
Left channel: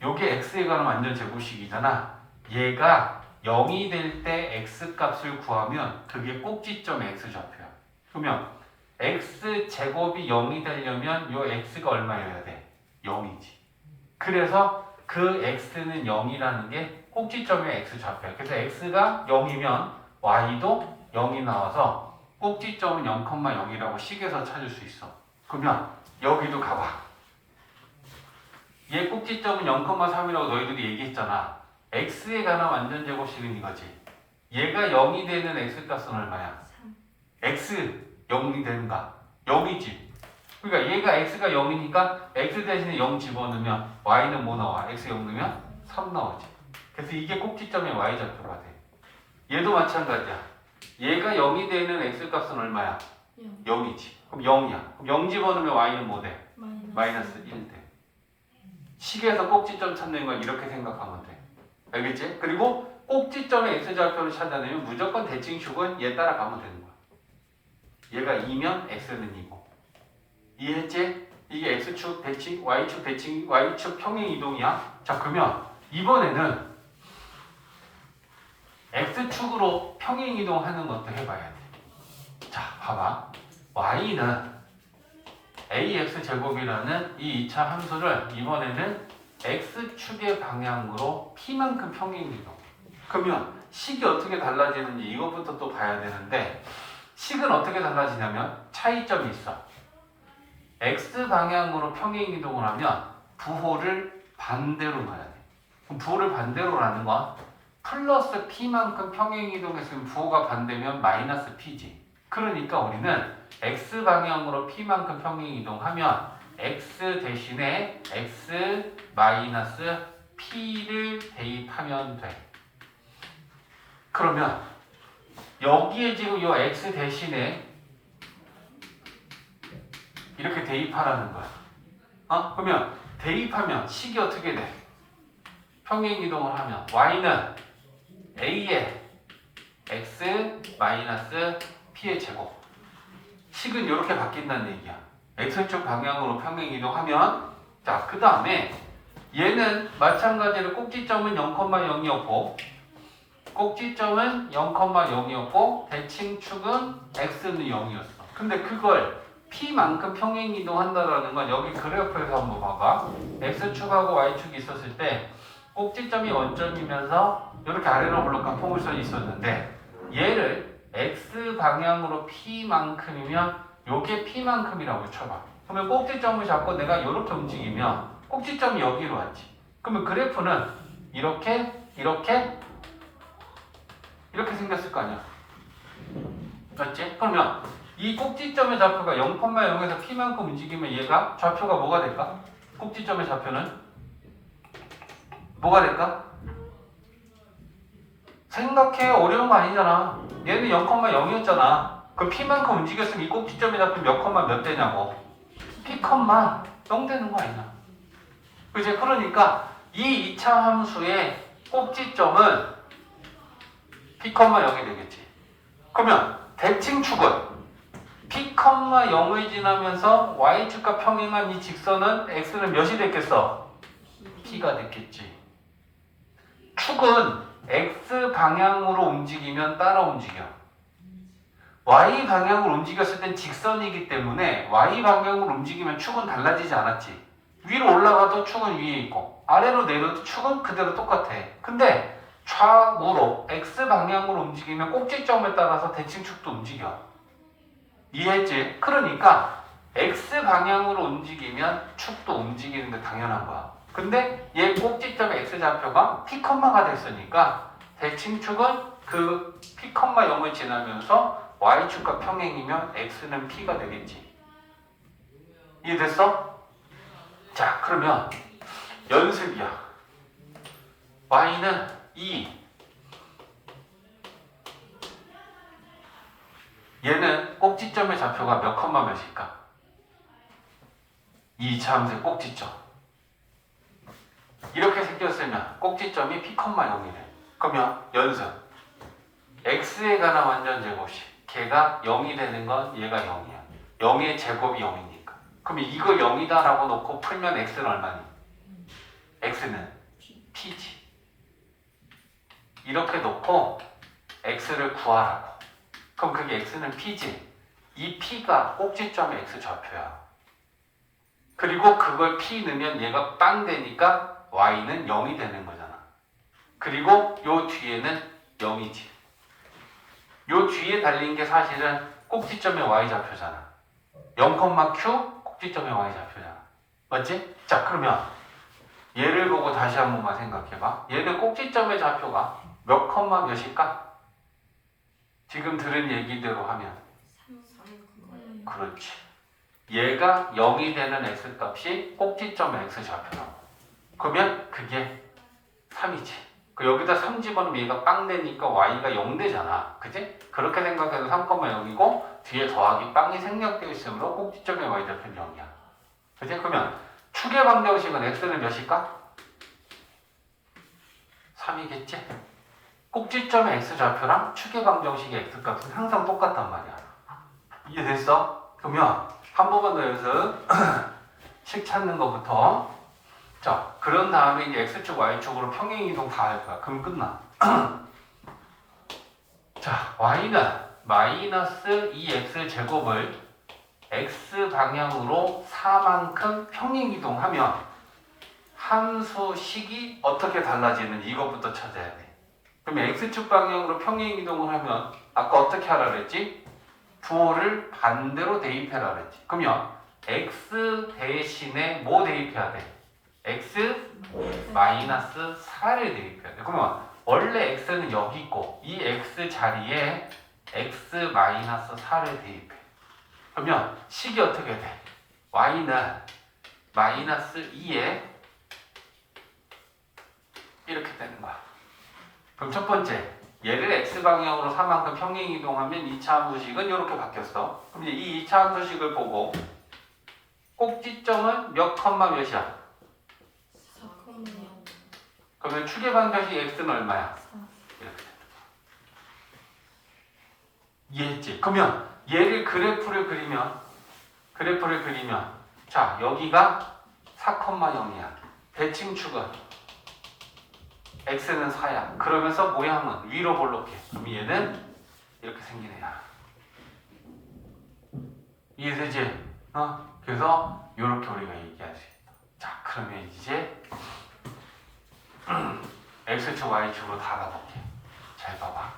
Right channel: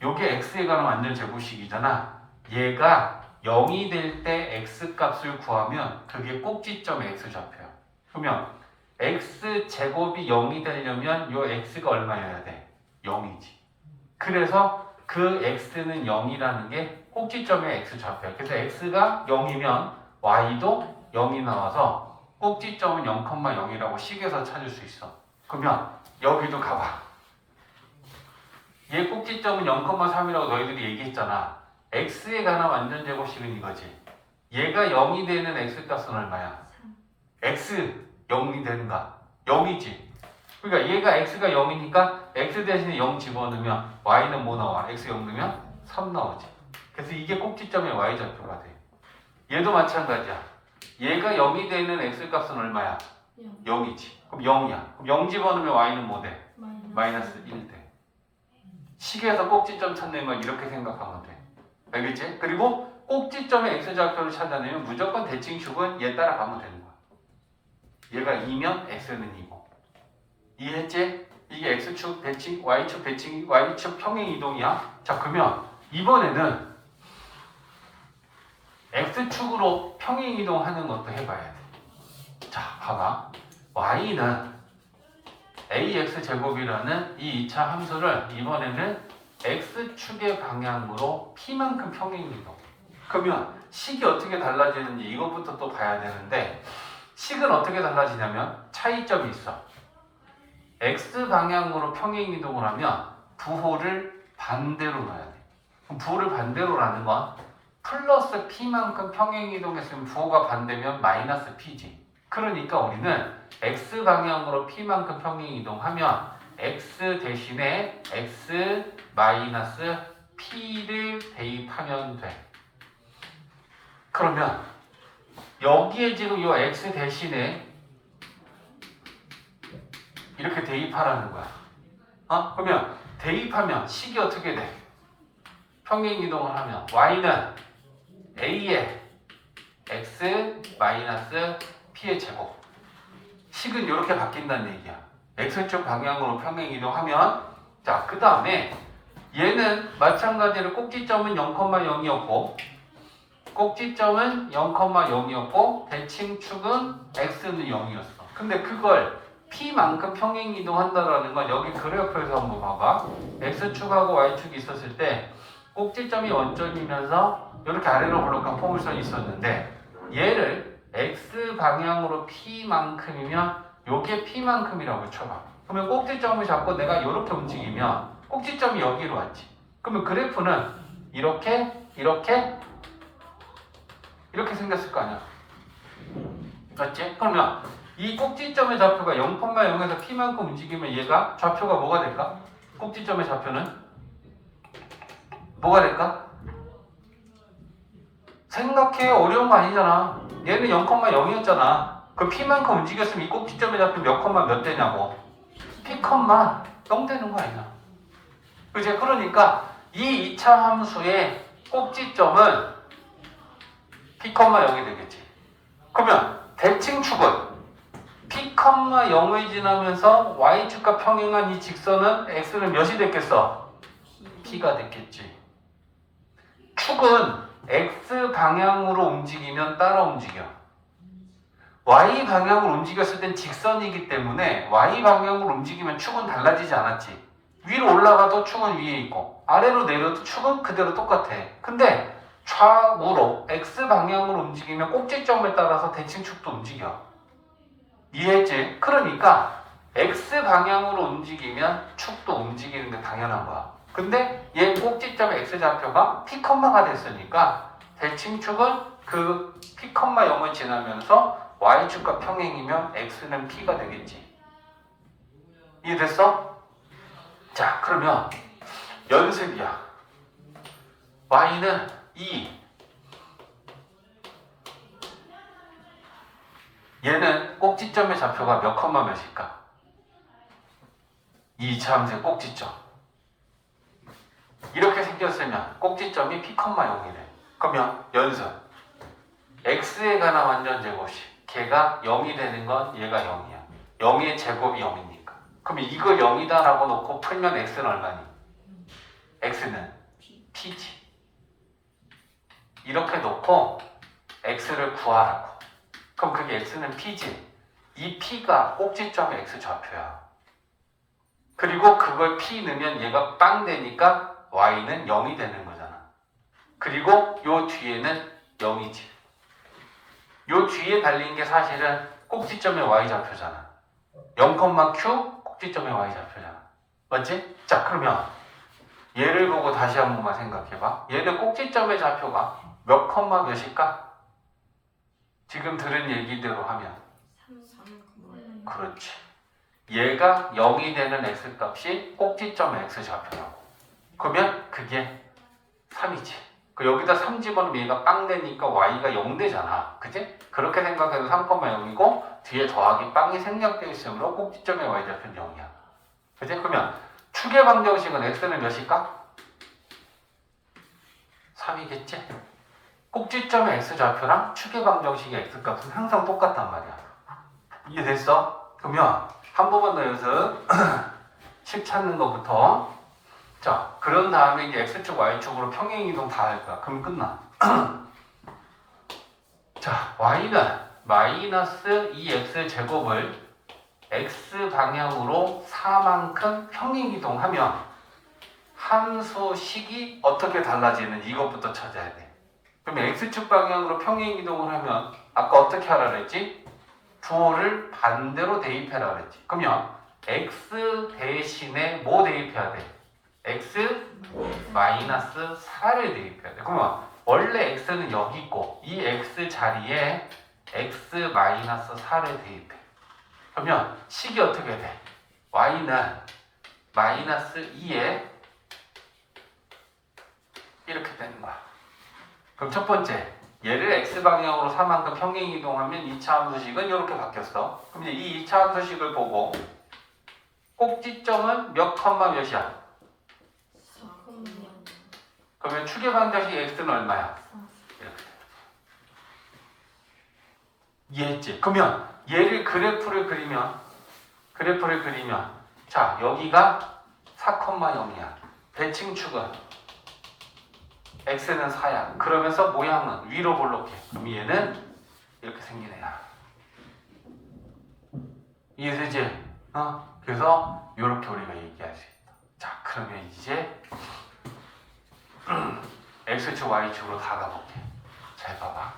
요게 x에 관한 완전 제곱식이잖아. 얘가 0이 될 때 x값을 구하면 그게 꼭지점의 x좌표야. 그러면 x제곱이 0이 되려면 요 x가 얼마여야 돼? 0이지. 그래서 그 x는 0이라는 게 꼭지점의 x좌표야. 그래서 x가 0이면 y도 0이 나와서 꼭지점은 0,0이라고 식에서 찾을 수 있어. 그러면 여기도 가봐. 얘 꼭지점은 0,3이라고 너희들이 얘기했잖아. x에 관한 완전 제곱식은 이거지. 얘가 0이 되는 x값은 얼마야? 3 x 0이 되는가? 0이지. 그러니까 얘가 x가 0이니까 x 대신에 0 집어넣으면 y는 뭐 나와? x 0 넣으면 3 나오지. 그래서 이게 꼭지점의 y좌표가 돼. 얘도 마찬가지야. 얘가 0이 되는 x값은 얼마야? 0 0이지. 그럼 0이야. 그럼 0 집어넣으면 y는 뭐 돼? 마이너스 1 돼. 식에서 꼭지점 찾는 건 이렇게 생각하면 돼. 알겠지? 그리고 꼭지점의 x좌표를 찾아내면 무조건 대칭축은 얘 따라가면 되는 거야. 얘가 2면 x는 2고. 이해했지? 이게 x축 배칭, y축 배칭, y축 평행 이동이야. 자, 그러면 이번에는 x축으로 평행 이동하는 것도 해봐야 돼. 자, 봐봐. y는 ax 제곱이라는 이 2차 함수를 이번에는 x축의 방향으로 p만큼 평행 이동. 그러면 식이 어떻게 달라지는지 이것부터 또 봐야 되는데, 식은 어떻게 달라지냐면 차이점이 있어. x 방향으로 평행 이동을 하면 부호를 반대로 넣어야 돼. 그럼 부호를 반대로라는 건 플러스 p만큼 평행 이동했으면 부호가 반대면 마이너스 p지. 그러니까 우리는 x 방향으로 p만큼 평행 이동하면 x 대신에 x 마이너스 p를 대입하면 돼. 그러면 여기에 지금 이 x 대신에 이렇게 대입하라는 거야. 그러면 대입하면 식이 어떻게 돼? 평행 이동을 하면 y는 a의 x 마이너스 p의 제곱. 식은 이렇게 바뀐다는 얘기야. x축 방향으로 평행 이동하면, 자, 그 다음에 얘는 마찬가지로 꼭지점은 0,0이었고 꼭지점은 0,0이었고 대칭축은 x는 0이었어. 근데 그걸 p만큼 평행 이동한다라는 건 여기 그래프에서 한번 봐봐. x축하고 y축이 있었을 때 꼭지점이 원점이면서 이렇게 아래로 올라간 포물선이 있었는데, 얘를 x 방향으로 p만큼이면 요게 p만큼이라고 쳐봐. 그러면 꼭지점을 잡고 내가 이렇게 움직이면 꼭지점이 여기로 왔지. 그러면 그래프는 이렇게 생겼을 거 아니야. 맞지? 그러면 이 꼭지점의 좌표가 0,0에서 p만큼 움직이면 얘가 좌표가 뭐가 될까? 꼭지점의 좌표는 뭐가 될까? 생각해. 어려운 거 아니잖아. 얘는 0,0이었잖아. 그 p만큼 움직였으면 이 꼭지점의 좌표 몇 되냐고. p, 0 되는 거 아니야. 그치? 그러니까 이 2차 함수의 꼭지점은 p, 0이 되겠지. 그러면 대칭축은 p, 0을 지나면서 y축과 평행한 이 직선은 x는 몇이 됐겠어? p가 됐겠지. 축은 x 방향으로 움직이면 따라 움직여. y 방향으로 움직였을 땐 직선이기 때문에 y 방향으로 움직이면 축은 달라지지 않았지. 위로 올라가도 축은 위에 있고 아래로 내려도 축은 그대로 똑같아. 근데 좌우로 x 방향으로 움직이면 꼭지점을 따라서 대칭축도 움직여. 이해했지? 그러니까 x 방향으로 움직이면 축도 움직이는 게 당연한 거야. 근데 얘 꼭지점의 x좌표가 p,가 됐으니까 대칭축은 그 p, 0을 지나면서 y축과 평행이면 x는 p가 되겠지. 이해됐어? 자, 그러면 연습이야. y는 2. 얘는 꼭지점의 좌표가 몇일까? 이 2차 함수의 꼭지점. 이렇게 생겼으면 꼭지점이 p, 0이래. 그러면 연습. x에 관한 완전 제곱식. 걔가 0이 되는 건 얘가 0이야. 0의 제곱이 0이니까. 그럼 이거 0이다 라고 놓고 풀면 x는 얼마니? x는 p지. 이렇게 놓고 x를 구하라고. 그럼 그게 x는 p지. 이 p가 꼭지점의 x좌표야. 그리고 그걸 p 넣으면 얘가 빵 되니까 y는 0이 되는 거잖아. 그리고 요 뒤에는 0이지. 요 뒤에 달린 게 사실은 꼭지점의 y좌표잖아. 0,q 꼭지점의 y좌표잖아. 맞지? 자, 그러면 얘를 보고 다시 한 번만 생각해봐. 얘는 꼭지점의 좌표가 몇일까? 지금 들은 얘기대로 하면. 그렇지. 얘가 0이 되는 x값이 꼭지점의 x좌표라고. 그러면 그게 3이지. 그 여기다 3 집어넣으면 얘가 빵 되니까 y가 0 되잖아. 그치? 그렇게 생각해도 3,0이고 뒤에 더하기 빵이 생략되어 있으므로 꼭지점의 y좌표는 0이야. 그치? 그러면 축의 방정식은 x는 몇일까? 3이겠지? 꼭지점의 x좌표랑 축의 방정식의 x값은 항상 똑같단 말이야. 이해됐어? 그러면 한 번만 더 연습. 식 찾는 것부터. 자, 그런 다음에 이제 X축, Y축으로 평행이동 다 할 거야. 그럼 끝나. 자, Y는 마이너스 2X 제곱을 X 방향으로 4만큼 평행이동하면 함수식이 어떻게 달라지는지 이것부터 찾아야 돼. 그러면 X축 방향으로 평행이동을 하면 아까 어떻게 하라 그랬지? 부호를 반대로 대입해라 그랬지. 그러면 X 대신에 뭐 대입해야 돼? X 마이너스 4를 대입해야 돼. 그러면 원래 X는 여기 있고 이 X 자리에 X 마이너스 4를 대입해. 그러면 식이 어떻게 돼? Y는 마이너스 2에 이렇게 되는 거야. 그럼 첫 번째, 얘를 X방향으로 4만큼 평행이동하면 2차 함수식은 이렇게 바뀌었어. 그럼 이제 이 2차 함수식을 보고 꼭지점은 몇 컴마 몇이야? 그러면 축의 반대식 X는 얼마야? 이렇게. 이해했지? 그러면 얘를 그래프를 그리면 자, 여기가 4,0이야. 대칭축은 X는 4야. 그러면서 모양은 위로 볼록해. 그럼 얘는 이렇게 생긴 애야. 이해되지? 그래서 이렇게 우리가 얘기할 수 있다. 자, 그러면 이제 X축, Y축으로 다 가볼게. 잘 봐봐.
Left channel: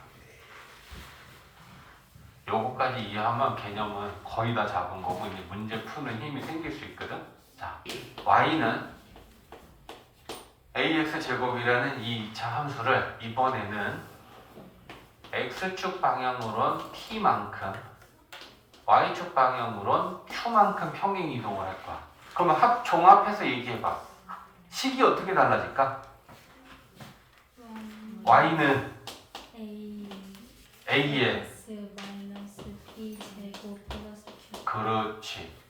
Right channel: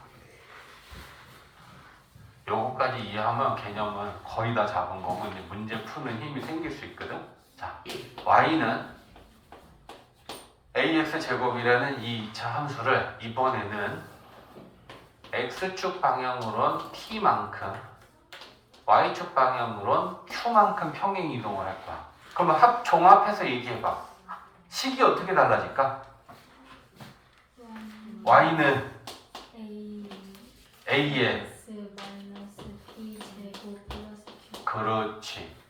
요거까지 이해하면 개념은 거의 다 잡은 거고 이제 문제 푸는 힘이 생길 수 있거든. 자, Y는 ax 제곱이라는 이 2차 함수를 이번에는 x축 방향으론 t만큼 y축 방향으론 q만큼 평행 이동을 할 거야. 그러면 종합해서 얘기해봐. 식이 어떻게 달라질까? y는 a에 X 마이너스 B 제곱 플러스 Q. 그렇지.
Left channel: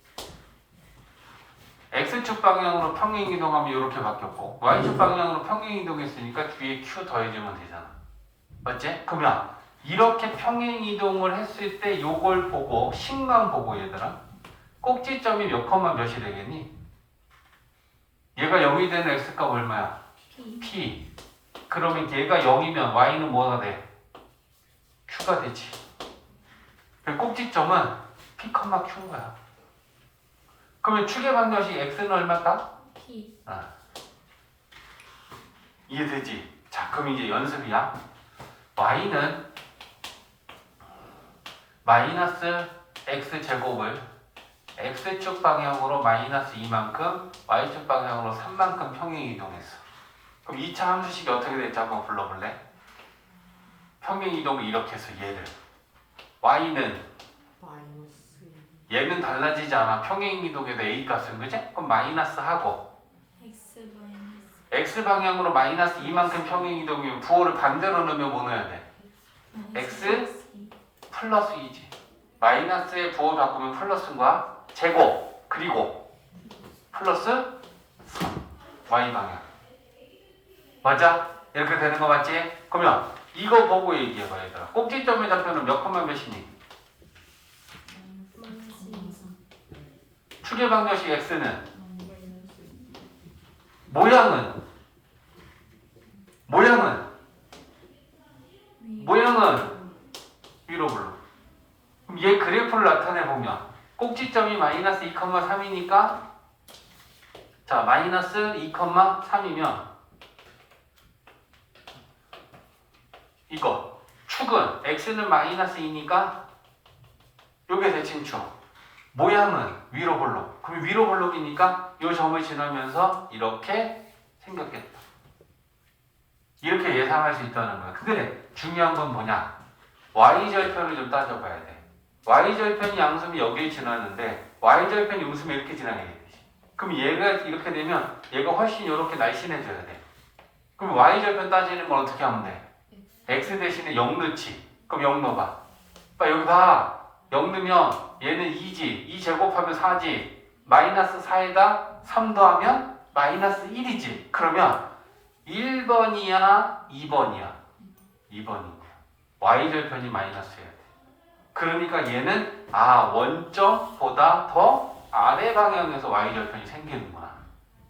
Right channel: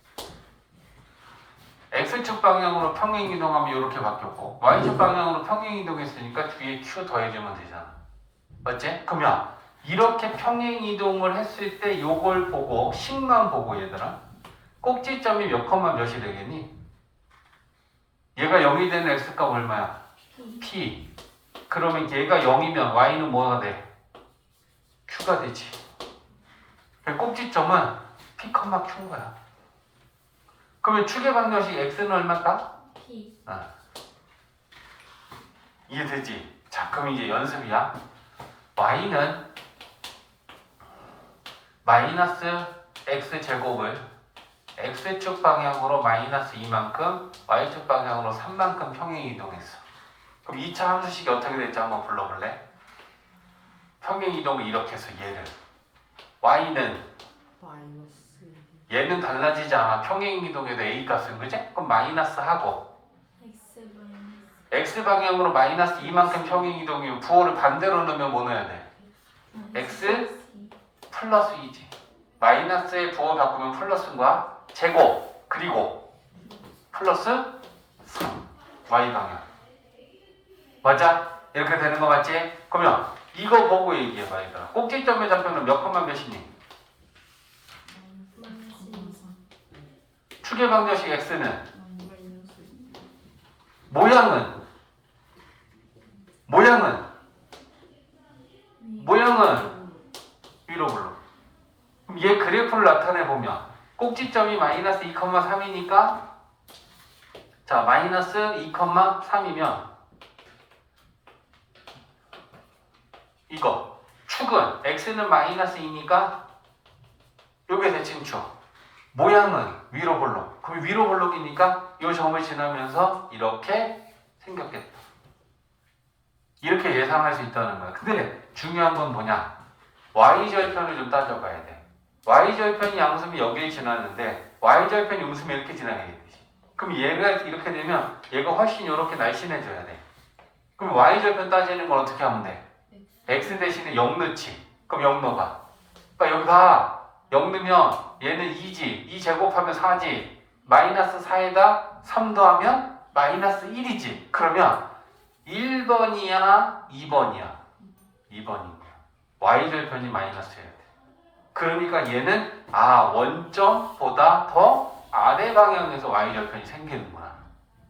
X축 방향으로 평행 이동하면 이렇게 바뀌었고 Y축 방향으로 평행 이동했으니까 뒤에 Q 더해주면 되잖아. 맞지? 그러면 이렇게 평행 이동을 했을 때 요걸 보고 식만 보고 얘들아 꼭지점이 몇 컴마 몇이 되겠니? 얘가 0이 되는 X값 얼마야? P. 그러면 얘가 0이면 Y는 뭐가 돼? Q가 되지. 꼭지점은 P, Q인 거야. 그러면 축의 반대식 X는 얼마다? P. 이해되지? 자, 그럼 이제 연습이야. Y는 마이너스 X 제곱을 X축 방향으로 마이너스 2만큼 Y축 방향으로 3만큼 평행 이동했어. 그럼 2차 함수식이 어떻게 될지 한번 불러볼래? 평행 이동을 이렇게 해서 얘를 Y는 마이너스 얘는 달라지지 않아. 평행 이동에도 A 값은 그지? 그럼 마이너스 하고 X 마이너스 X 방향으로 마이너스 2만큼 평행 이동이면 부호를 반대로 넣으면 뭐 넣어야 돼? X 플러스 2지. 마이너스의 부호 바꾸면 플러스인 거야. 제곱 그리고 플러스 3 Y 방향. 맞아? 이렇게 되는 거 맞지? 그러면 이거 보고 얘기해봐 얘들아. 꼭지점의 좌표는 몇 컴마 몇이니? 축의 방정식 X는 모양은 위로 불러. 그럼 얘 그래프를 나타내 보면 꼭지점이 마이너스 2,3이니까 자 마이너스 2,3이면 이거 축은 X는 마이너스 2니까 요게 대칭축. 모양은 위로 볼록. 그럼 위로 볼록이니까 이 점을 지나면서 이렇게 생겼겠다. 이렇게 예상할 수 있다는 거야. 근데 중요한 건 뭐냐? y절편을 좀 따져봐야 돼. y절편이 양수면 여기를 지나는데 y절편이 웃으면 이렇게 지나가겠지. 그럼 얘가 이렇게 되면 얘가 훨씬 이렇게 날씬해져야 돼. 그럼 y절편 따지는 건 어떻게 하면 돼? x 대신에 0 넣지. 그럼 0 넣어봐. 그러니까 여기다 0 넣으면 얘는 2지. 2 제곱하면 4지. 마이너스 4에다 3 더하면 마이너스 1이지. 그러면 1번이야? 2번이야? 2번이야. y절편이 마이너스여야 돼. 그러니까 얘는 원점보다 더 아래 방향에서 y절편이 생기는구나.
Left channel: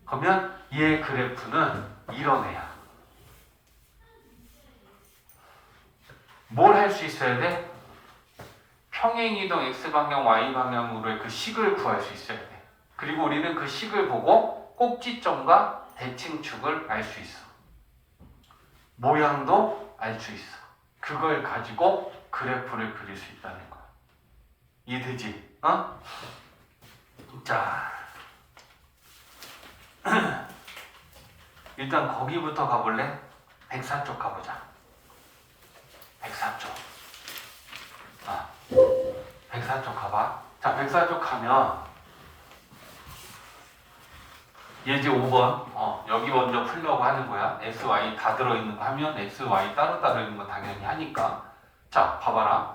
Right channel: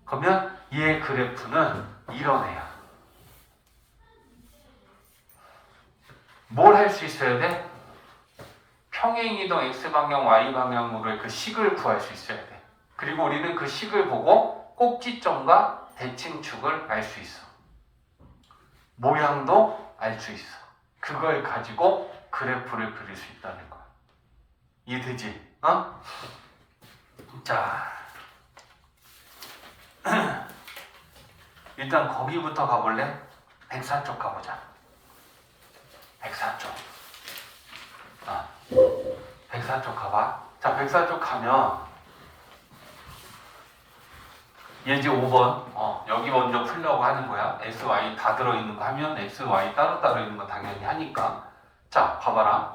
그러면 얘 그래프는 이런 애야. 뭘 할 수 있어야 돼? 평행이동 x방향, y방향으로의 그 식을 구할 수 있어야 돼. 그리고 우리는 그 식을 보고 꼭지점과 대칭축을 알 수 있어. 모양도 알 수 있어. 그걸 가지고 그래프를 그릴 수 있다는 거야. 이해되지? 자, 일단 거기부터 가볼래? 104쪽 가보자. 104쪽. 104쪽 가봐. 자, 104쪽 가면 예제 5번. 여기 먼저 풀려고 하는 거야. x, y 다 들어있는 거 하면 x, y 따로 있는 거 당연히 하니까. 자, 봐봐라.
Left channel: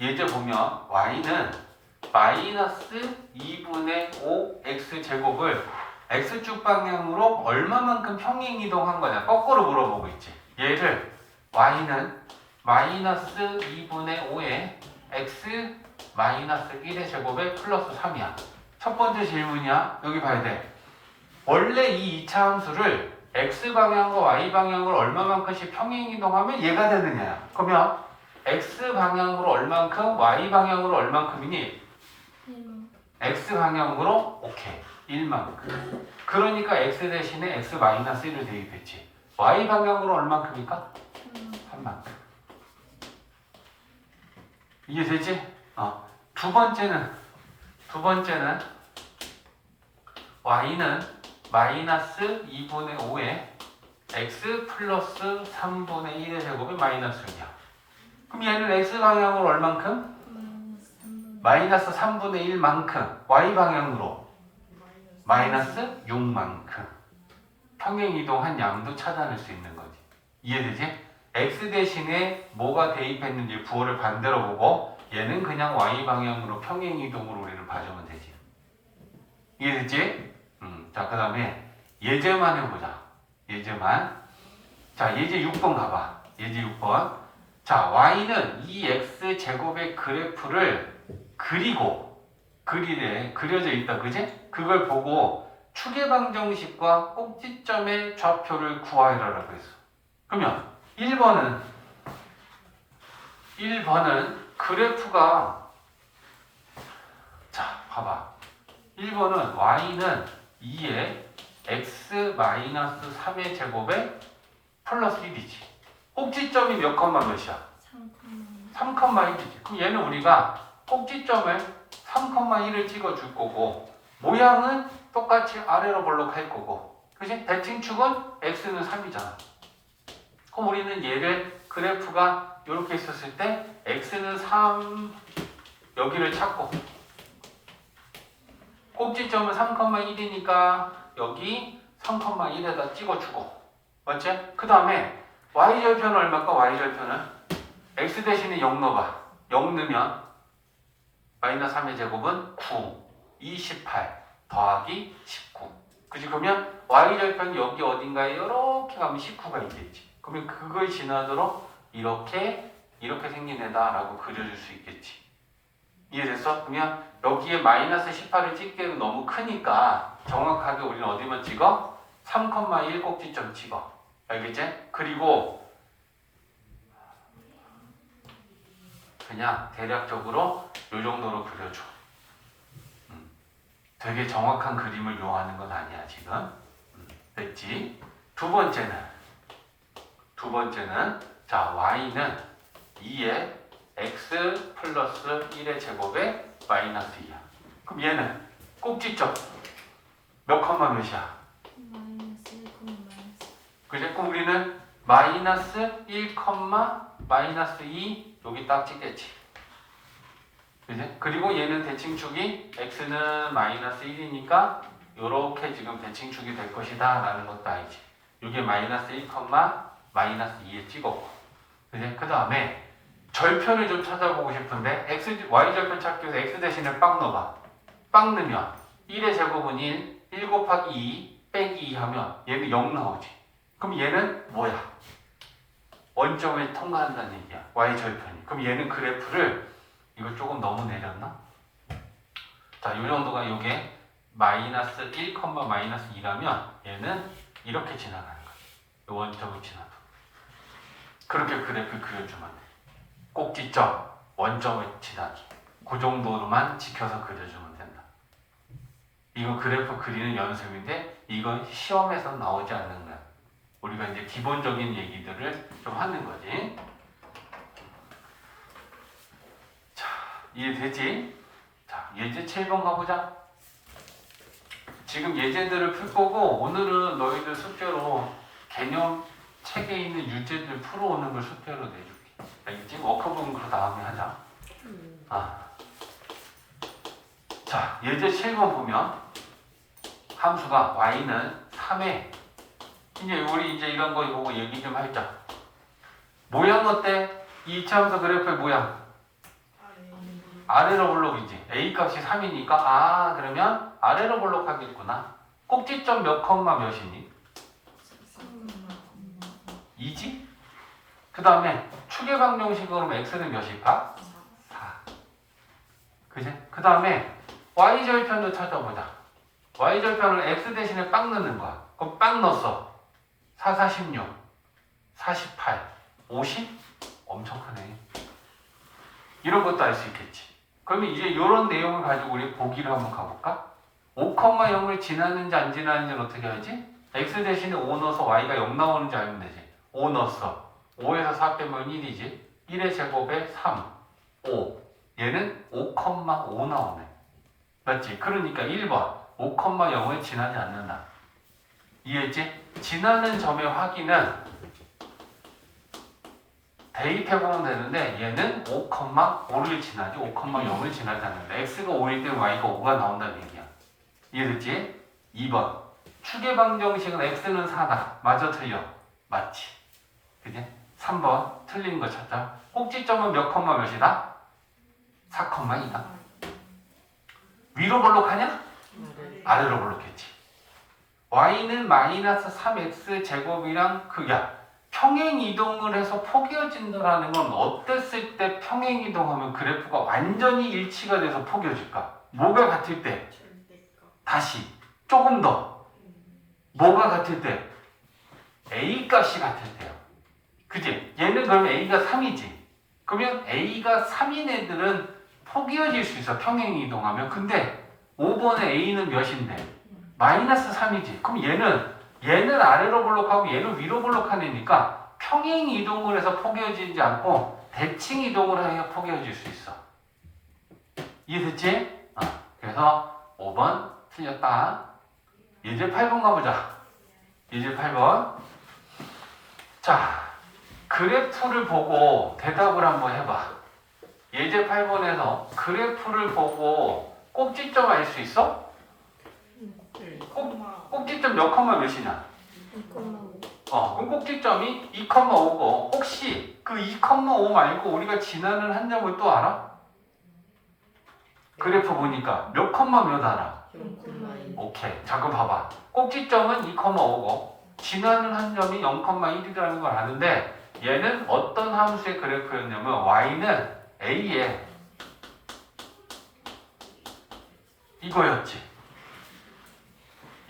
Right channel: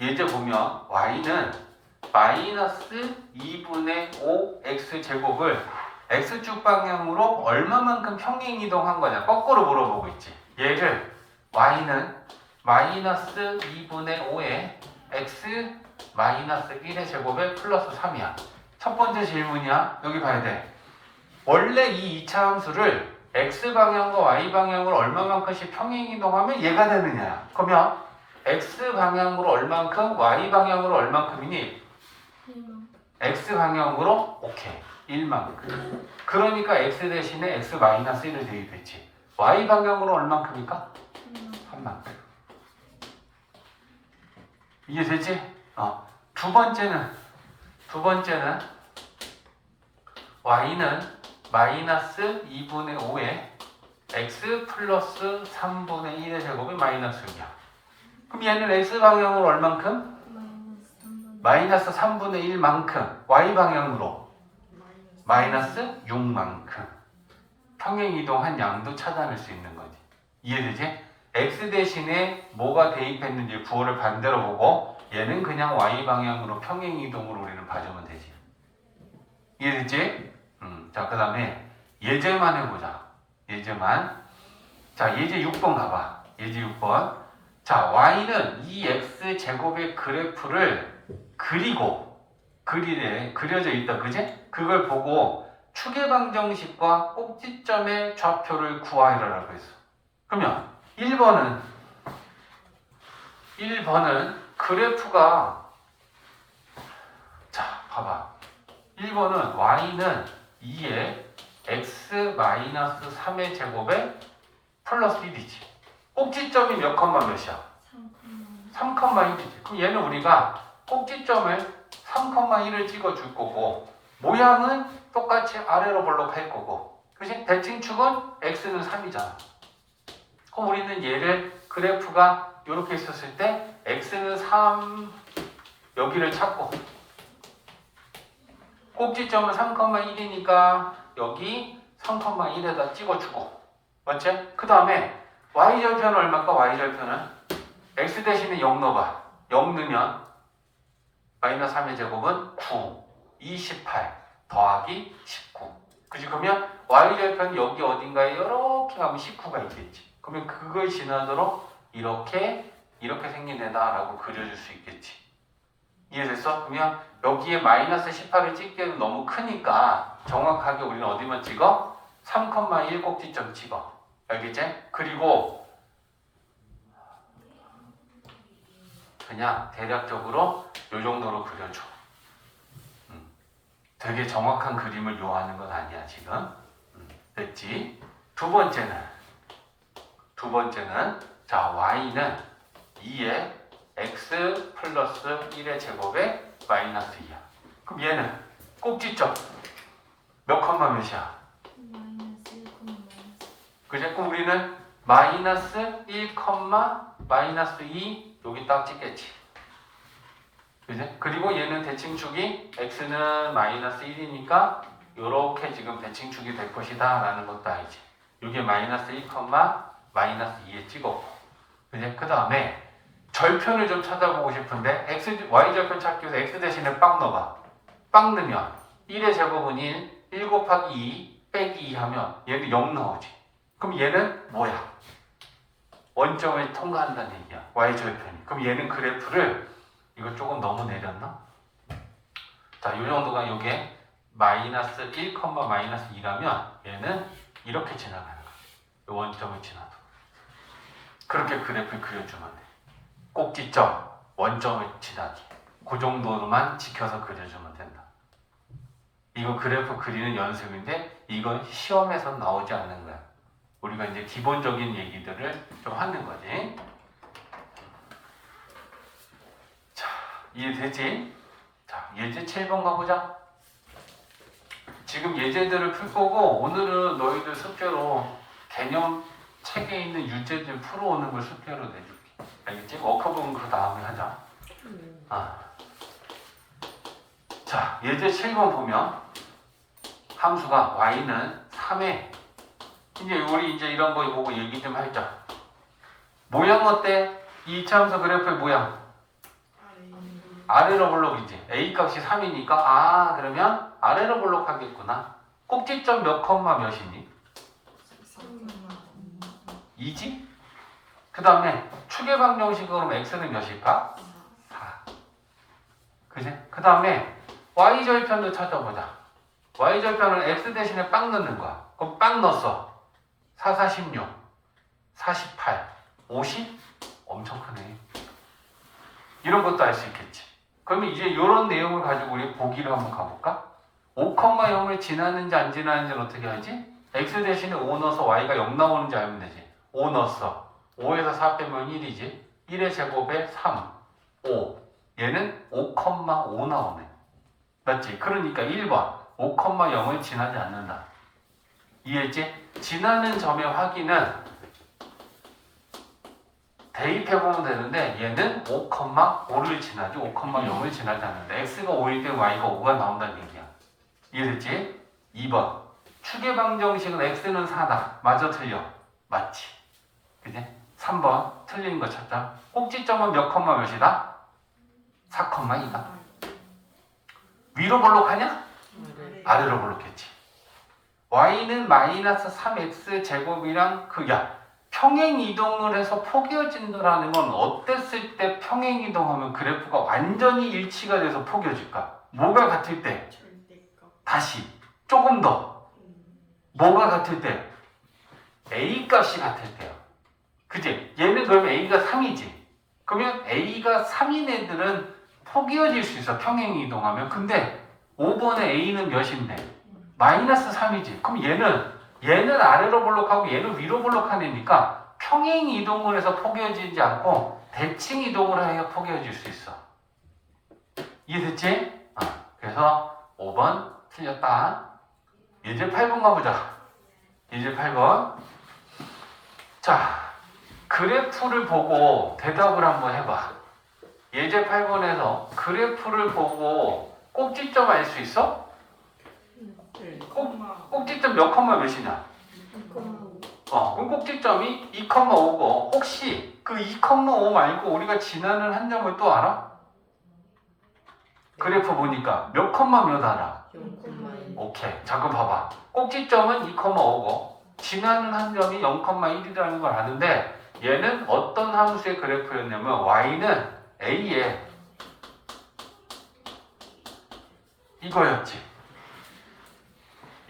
예제 보면 y는 마이너스 2분의 5 x제곱을 x축 방향으로 얼마만큼 평행 이동한 거냐 거꾸로 물어보고 있지. 얘를 y는 마이너스 2분의 5에 x 마이너스 1의 제곱에 플러스 3이야. 첫 번째 질문이야. 여기 봐야 돼. 원래 이 2차 함수를 x 방향과 y 방향으로 얼마만큼씩 평행 이동하면 얘가 되느냐. 그러면 x 방향으로 얼만큼, y 방향으로 얼만큼이니? 1만. x 방향으로 오케이 1만큼. 그러니까 x 대신에 x 마이너스 1을 대입했지. y 방향으로 얼만큼일까? 3만큼. 이해되지? 두 번째는 y는 마이너스 2분의 5에 x 플러스 3분의 1의 제곱이 마이너스 6이야. 그럼 얘는 x 방향으로 얼만큼? 마이너스 3분의 1만큼. y 방향으로 마이너스 6만큼. 평행 이동한 양도 찾아낼 수 있는 거지. 이해되지? x 대신에 뭐가 대입했는지 부호를 반대로 보고 얘는 그냥 y 방향으로 평행 이동으로 우리는 봐주면 되지. 이해됐지? 자, 그 다음에 예제만 해보자. 예제만. 자, 예제 6번 가봐. 예제 6번. 자, y는 이 x제곱의 그래프를 그려져 있다. 그지? 그걸 보고 추계방정식과 꼭지점의 좌표를 구하라고 했어. 그러면 1번은 그래프가, 자, 봐봐. 1번은 y는 2에 x-3의 제곱에 플러스 1이지. 꼭지점이 몇 컴마 몇이야? 3,1이지. 그럼 얘는 우리가 꼭지점을 3,1을 찍어줄 거고 모양은 똑같이 아래로 볼록할 거고, 그치? 대칭축은 x는 3이잖아. 그럼 우리는 얘를 그래프가 이렇게 있었을 때 x는 3 여기를 찾고 꼭지점은 3,1이니까 여기 3,1에다 찍어주고, 맞지? 그 다음에 y절편은 얼마일까? y절편은 x 대신에 0 넣어봐. 0 넣으면 마이너스 3의 제곱은 9, 28 더하기 19. 그치? 그러면 y절편이 여기 어딘가에 이렇게 가면 19가 있겠지. 그러면 그걸 지나도록 이렇게 생긴 애다라고 그려줄 수 있겠지. 이해됐어? 그러면 여기에 마이너스 18을 찍기에는 너무 크니까 정확하게 우리는 어디만 찍어? 3,1 꼭지점 찍어. 알겠지? 그리고 그냥 대략적으로 이 정도로 그려줘. 되게 정확한 그림을 요하는 건 아니야 지금. 됐지? 두 번째는 자, y는 2에 x 플러스 1의 제곱에 마이너스 2야. 그럼 얘는 꼭지점 몇 컴마 몇이야? 마이너스 1, 그지? 그럼 우리는 마이너스 1, 마이너스 2 여기 딱 찍겠지. 그지? 그리고 얘는 대칭축이 x는 마이너스 1이니까 요렇게 지금 대칭축이 될 것이다 라는 것도 알지. 이게 마이너스 1, 마이너스 2에 찍었고. 그지? 그 다음에 절편을 좀 찾아보고 싶은데 y절편 찾기 위해서 x 대신에 빵 넣어봐. 빵 넣으면 1의 제곱은 1 곱하기 2 빼기 2 하면 얘는 0 나오지. 그럼 얘는 뭐야? 원점을 통과한다는 얘기야. y절편이. 그럼 얘는 그래프를 이거 조금 너무 내렸나? 자, 이 정도가 요게 마이너스 1, 마이너스 2라면 얘는 이렇게 지나가는 거야. 이 원점을 지나도. 그렇게 그래프 그려주면 돼. 꼭지점, 원점을 지나기. 그 정도로만 지켜서 그려주면 된다. 이건 그래프 그리는 연습인데 이건 시험에서 나오지 않는 거야. 우리가 이제 기본적인 얘기들을 좀 하는 거지. 자, 이해되지? 자, 예제 7번 가보자. 지금 예제들을 풀 거고 오늘은 너희들 숙제로 개념 책에 있는 유제들 풀어오는 걸 숙제로 내줄게. 알겠지? 워크북은 그 다음에 하자. 자, 예제 7번 보면 함수가 y는 3에 이제 우리 이제 이런 거 보고 얘기 좀 하자. 모양 어때? 이 이차함수 그래프의 모양 아래로 볼록이지. a 값이 3이니까 아 그러면 아래로 볼록하겠구나. 꼭지점 몇 컴마 몇이니? 2지? 그 다음에 축의 방정식으로 x는 몇일까? 4. 그지? 그 다음에 y절편도 찾아보자. y절편을 x 대신에 빵 넣는 거야. 그럼 빵 넣었어. 4, 4, 16, 48, 50? 엄청 크네. 이런 것도 알 수 있겠지. 그러면 이제 이런 내용을 가지고 우리 보기를 한번 가볼까? 5,0을 지나는지 안 지나는지는 어떻게 하지? x 대신에 5 넣어서 y가 0 나오는지 알면 되지. 5 넣었어. 5에서 4 빼면 1이지. 1의 제곱에 3, 5. 얘는 5,5 나오네. 맞지? 그러니까 1번 5,0을 지나지 않는다. 이해했지? 지나는 점의 확인은 대입해보면 되는데 얘는 5,5를 지나지 5,0을 지나지 않는다. x가 5일 때 y가 5가 나온다는 얘기야. 이해됐지? 2번 축의 방정식은 x는 4다. 맞아 틀려? 맞지? 그지? 3번 틀린 거 찾자. 꼭지점은 몇 컴마 몇이다? 4,2다. 위로 볼록하냐? 아래로 볼록했지. y는 마이너스 3x 제곱이랑 그야 평행 이동을 해서 포개어진다라는 건 어땠을 때 평행 이동하면 그래프가 완전히 일치가 돼서 포개어질까? 뭐가 같을 때? 다시 조금 더 뭐가 같을 때? a 값이 같을 때요. 그지? 얘는 그럼 a가 3이지. 그러면 a가 3인 애들은 포개어질 수 있어. 평행 이동하면. 근데 5번에 a는 몇인데? 마이너스 3이지. 그럼 얘는 아래로 볼록하고 얘는 위로 볼록한 애니까 평행 이동을 해서 포개어지지 않고 대칭 이동을 해야 포개어질 수 있어. 이해됐지? 그래서 5번 틀렸다. 예제 8번 가보자. 예제 8번. 자, 그래프를 보고 대답을 한번 해봐. 예제 8번에서 그래프를 보고 꼭지점 알 수 있어? 꼭지점 몇 컴마 몇이냐? 2,5. 그럼 꼭지점이 2,5고 혹시 그 2,5 말고 우리가 지나는 한 점을 또 알아? 그래프 보니까 몇 컴마 몇 알아? 0,1. 오케이. 잠깐 봐봐. 꼭지점은 2,5고 지나는 한 점이 0,1이라는 걸 아는데 얘는 어떤 함수의 그래프였냐면 y는 a에 이거였지.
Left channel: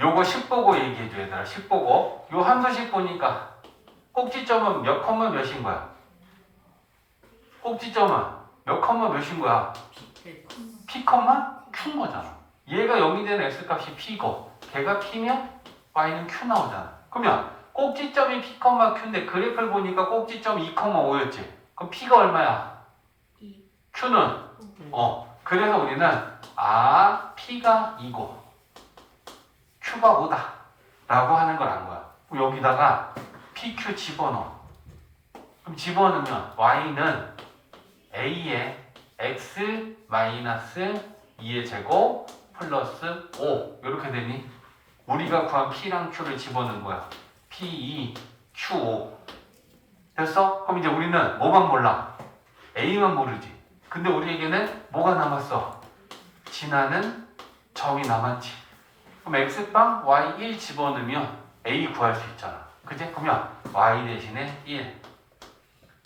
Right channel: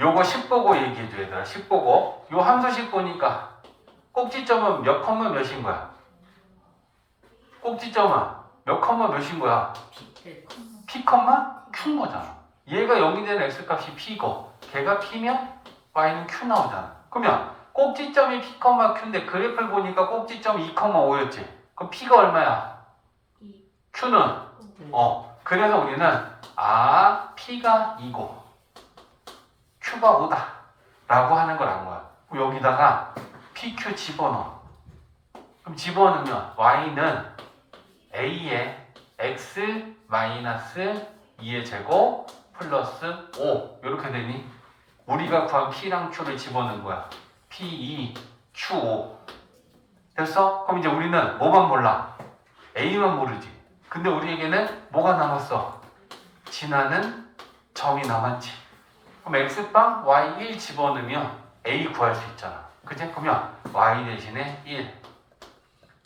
요거 10 보고 얘기해줘 얘들아. 10 보고 요 함수식 보니까 꼭지점은 몇 컴마 몇인 거야? 꼭지점은 몇 컴마 몇인 거야? p 컴마 q인 거잖아. 얘가 0이 되는 x값이 p고 걔가 p면 y는 q 나오잖아. 그러면 꼭지점이 p 컴마 q인데 그래프를 보니까 꼭지점 2,5였지. 그럼 p가 얼마야? 2. q는 그래서 우리는 p가 2고 q가 5다 라고 하는 걸 안 거야. 그럼 여기다가 pq 집어넣어. 그럼 집어넣으면 y는 a에 x 마이너스 2의 제곱 플러스 5 이렇게 되니 우리가 구한 p랑 q를 집어넣은 거야. p2 q5 됐어? 그럼 이제 우리는 뭐만 몰라? a만 모르지. 근데 우리에게는 뭐가 남았어? 지나는 점이 남았지. 그럼 x빵 y1 집어넣으면 a 구할 수 있잖아. 그치? 그러면 y 대신에 1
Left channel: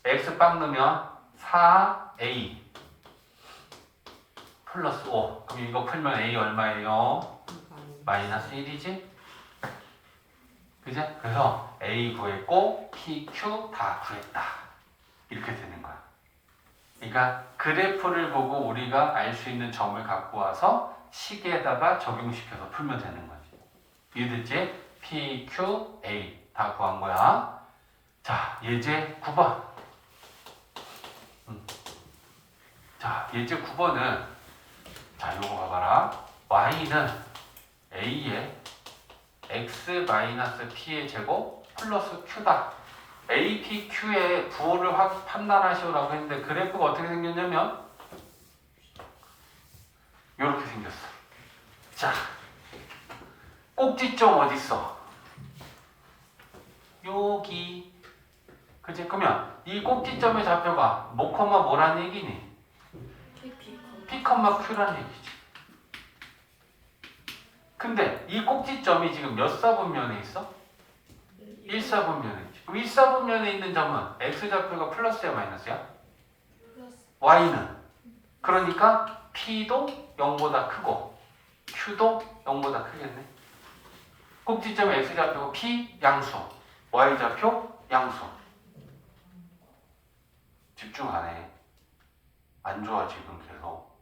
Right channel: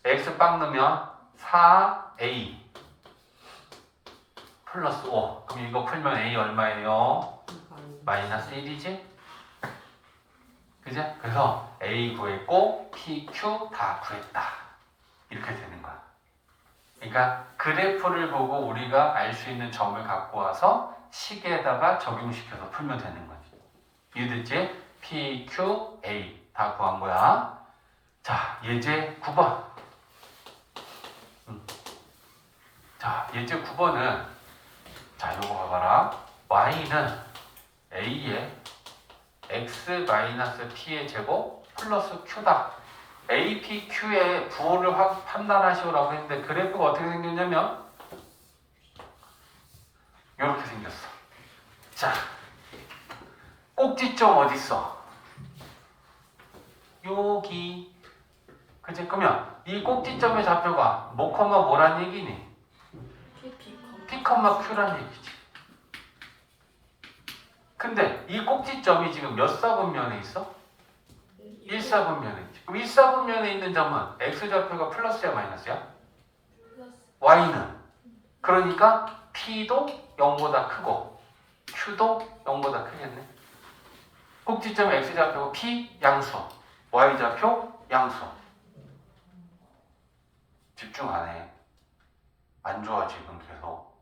x빵 넣으면 4a 플러스 5. 그럼 이거 풀면 A 얼마예요? 마이너스 1이지? 그죠? 그래서 A 구했고 P, Q 다 구했다. 이렇게 되는 거야. 그러니까 그래프를 보고 우리가 알 수 있는 점을 갖고 와서 식에다가 적용시켜서 풀면 되는 거지. 이해됐지? P, Q, A 다 구한 거야. 자, 예제 9번. 자, 예제 9번은 자, 요거 봐봐라. Y는 A에 X-P의 제곱 플러스 Q다. A, P, Q의 부호를 판단하시오라고 했는데 그래프가 어떻게 생겼냐면 이렇게 생겼어. 자, 꼭지점 어디 있어? 여기. 그치? 그러면 이 꼭지점의 좌표가 뭐, 뭐란 얘기니? P, Q란 얘기지. 근데 이 꼭지점이 지금 몇 사분면에 있어? 1사분면에 있지. 그럼 1사분면에 있는 점은 X좌표가 플러스야 마이너스야? Y는? 그러니까 P도 0보다 크고 Q도 0보다 크겠네. 꼭지점 X좌표 P 양수, Y좌표 양수. 집중 안 해. 안 좋아 지금 계속.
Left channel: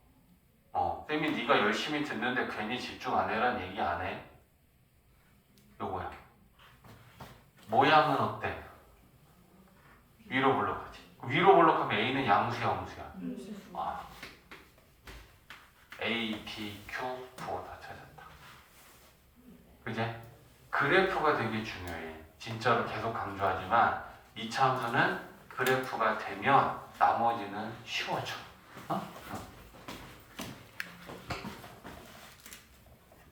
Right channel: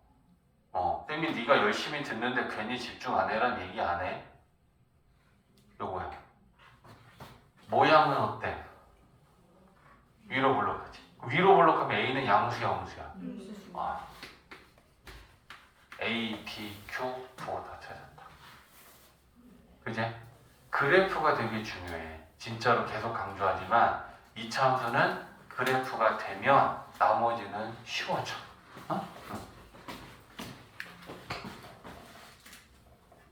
쌤이 네가 열심히 듣는데 괜히 집중 안 해란 얘기 안 해. 요거야. 모양은 어때? 위로 블록하지. 위로 블록하면 A는 양수야 음수야? A, P, Q 부호 다 찾았다. 그지? 그래프가 되게 중요해. 진짜로 계속 강조하지만 이차 함수는 그래프가 되면 나머지는 쉬워져.